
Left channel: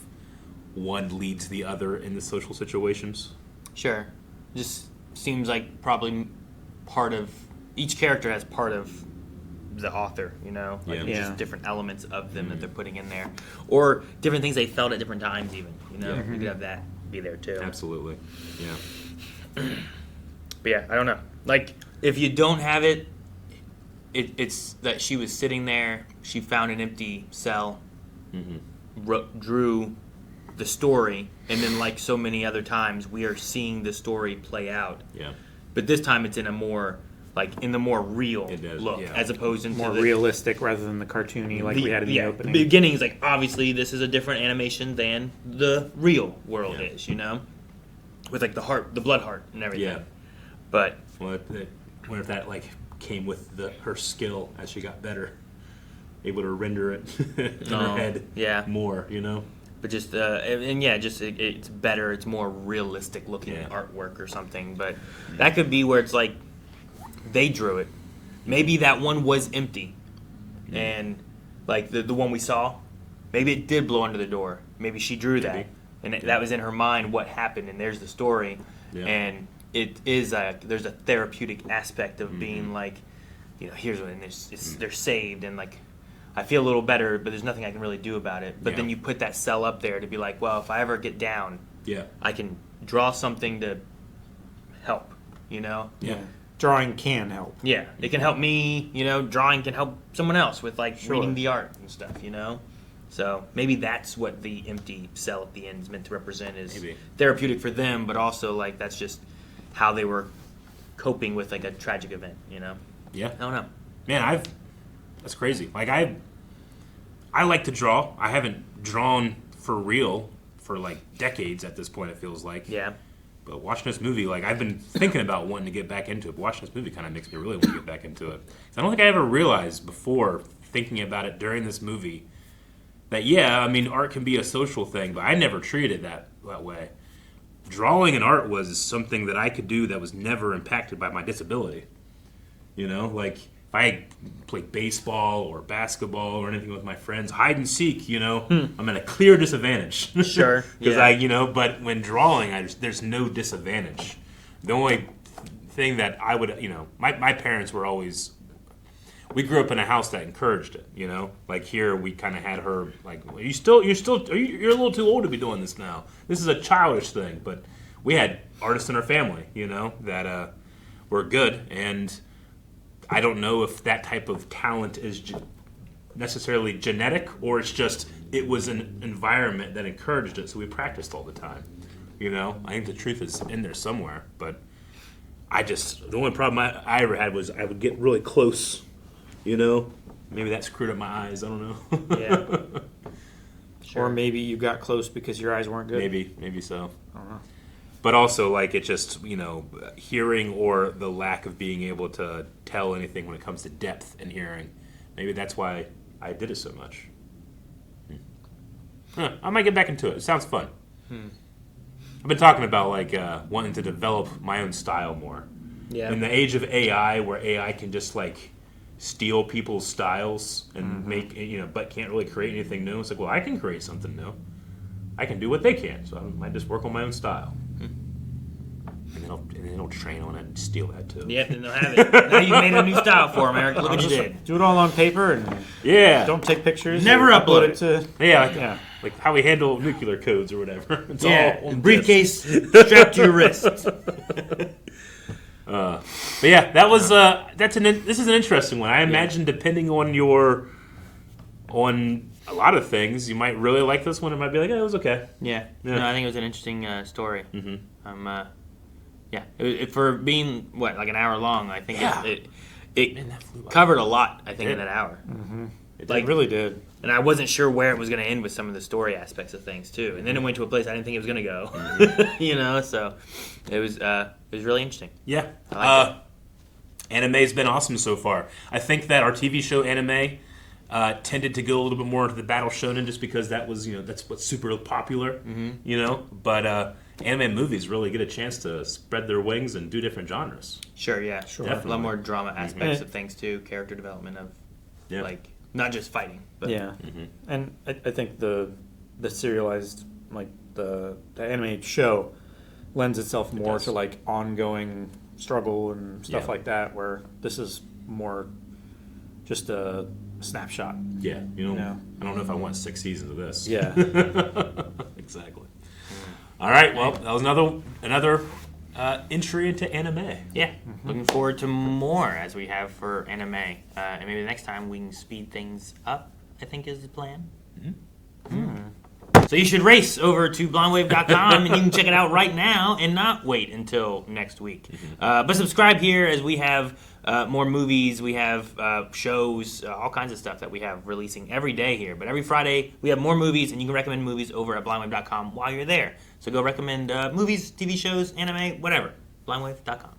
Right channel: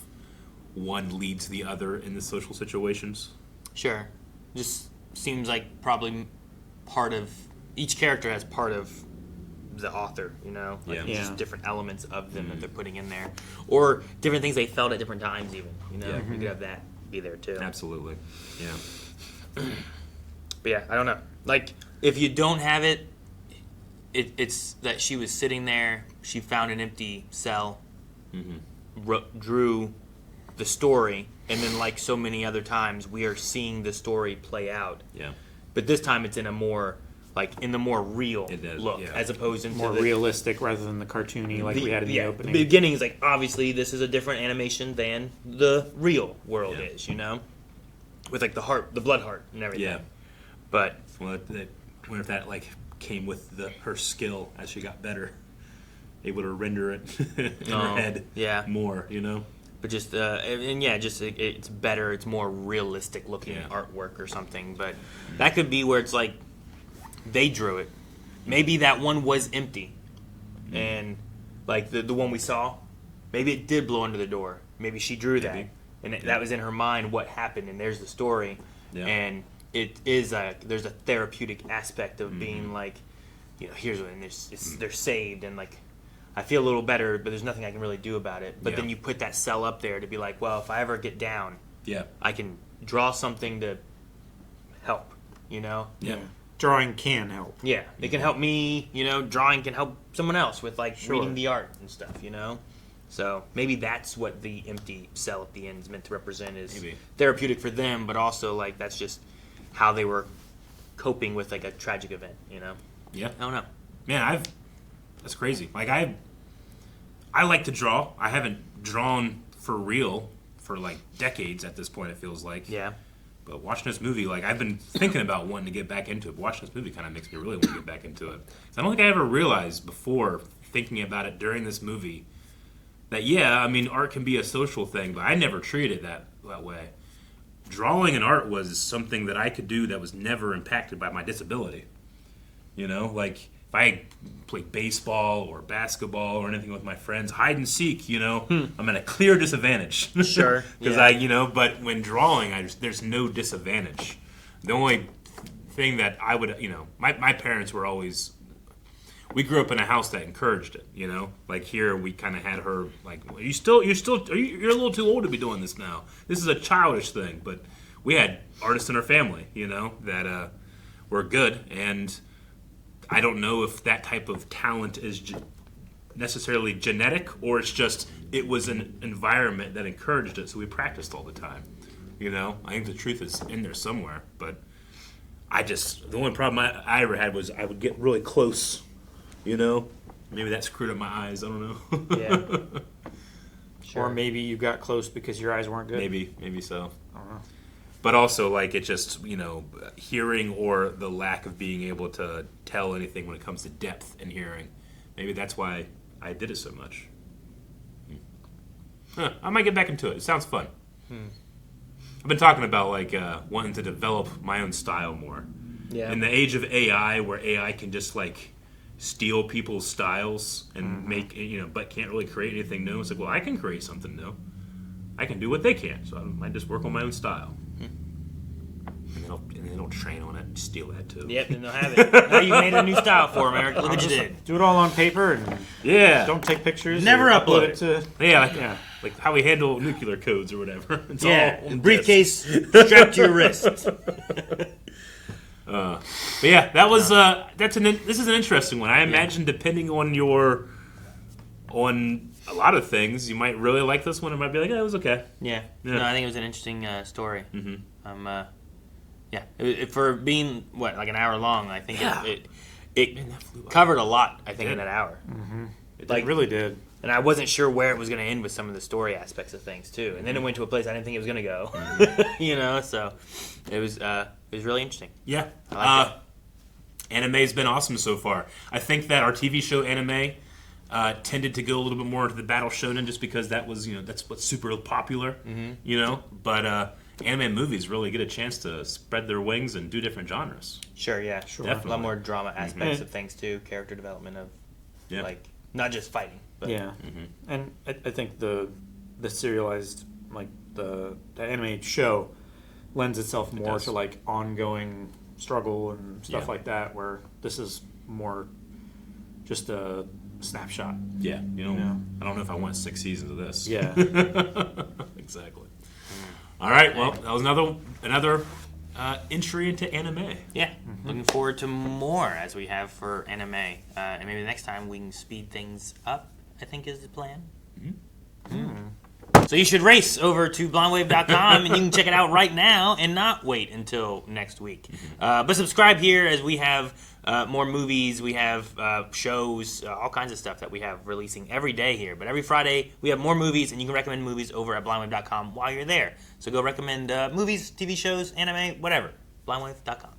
one leads the other in the social situations. Sure. Just seems like probably each character has part of the author, Like just different elements of them that they're putting in there. Or different things they felt at different times even, You could have that be there too. Absolutely. Yeah. But yeah, I don't know. Like, if you don't have it, it's that she was sitting there, she found an empty cell, drew the story, and then like so many other times, we are seeing the story play out. Yeah. But this time it's in a more, in the more real look, as opposed to more realistic rather than the cartoony like we had in the opening. The beginning is like, obviously this is a different animation than the real world is, with like the blood heart and everything. Yeah. But what if that like came with her skill as she got better, able to render it in her head more, But just it's better. It's more realistic looking artwork or something. But that could be where it's like they drew it. Maybe that one was empty, and like the one we saw, maybe it did blow under the door. Maybe she drew that, and that was in her mind what happened. And there's the story, and it is there's a therapeutic aspect of being like, here's what they're saved, and like I feel a little better, but there's nothing I can really do about it. But then you put that cell up there to be like, well, if I ever get down, I can draw something to help, Yeah. Drawing can help. Yeah, it can help me, drawing can help someone else with like reading the art and stuff, So maybe that's what the empty cell at the end is meant to represent, is therapeutic for them, but also like that's just how they were coping with like a tragic event, Yeah. I don't know. Man, that's crazy. Like I like to draw. I haven't drawn for real for like decades at this point, it feels like. Yeah. But watching this movie, like I've been thinking about wanting to get back into it. But watching this movie kind of makes me really want to get back into it. I don't think I ever realized before thinking about it during this movie that art can be a social thing, but I never treated it that way. Drawing and art was something that I could do that was never impacted by my disability. Like if I played baseball or basketball or anything with my friends, hide and seek, I'm at a clear disadvantage. Sure. Because but when drawing, there's no disadvantage. The only thing that I would, my parents were always, we grew up in a house that encouraged it, Like here, we kind of had her like, you're a little too old to be doing this now. This is a childish thing. But we had artists in our family, that were good, and I don't know if that type of talent is necessarily genetic, or it's just it was an environment that encouraged it, so we practiced all the time. I think the truth is in there somewhere, but the only problem I ever had was I would get really close, Maybe that screwed up my eyes. I don't know. Yeah. Sure. Or maybe you got close because your eyes weren't good. Maybe so. But also, like, it's just, hearing or the lack of being able to tell anything when it comes to depth in hearing. Maybe that's why I did it so much. I might get back into it. It sounds fun. I've been talking about, like, wanting to develop my own style more. Yeah. In the age of AI, where AI can just, like, steal people's styles and make, but can't really create anything new. It's like, well, I can create something new. I can do what they can, so I might just work on my own style. And then they'll train on it and steal that too. Yep, and they'll have it. Now you made a new style for them, Eric. Look what you did. Do it all on paper and don't take pictures. Never upload it to like how we handle nuclear codes or whatever. It's all on briefcase strapped to your wrist. But yeah, that was this is an interesting one. I imagine depending on a lot of things. You might really like this one. It might be like, oh, it was okay. Yeah. Yeah. No, I think it was an interesting story. Mm-hmm. For being like an hour long, I think Yeah. it covered a lot. I think in an hour. Mm-hmm. It Like- really did. And I wasn't sure where it was going to end with some of the story aspects of things too. And then it went to a place I didn't think it was going to go. So it was really interesting. Yeah. I liked Anime's been awesome so far. I think that our TV show anime tended to go a little bit more into the battle shonen just because that was, that's what's super popular, But anime movies really get a chance to spread their wings and do different genres. Sure, yeah. Sure. A Definitely. lot more drama aspects of things too, character development of like not just fighting. But Yeah, and I think the serialized the anime show lends itself more to like ongoing struggle and stuff like that, where this is more just a snapshot. Yeah, I don't know if I want 6 seasons of this. Yeah. Exactly. All right, well, that was another entry into anime. Yeah, looking forward to more as we have for anime. And maybe next time we can speed things up, I think is the plan. So you should race over to blindwave.com and you can check it out right now and not wait until next week. But subscribe here as we have more movies, we have shows, all kinds of stuff that we have releasing every day here. But every Friday we have more movies and you can recommend movies over at blindwave.com while you're there. So go recommend movies, TV shows, anime, whatever. blindwave.com.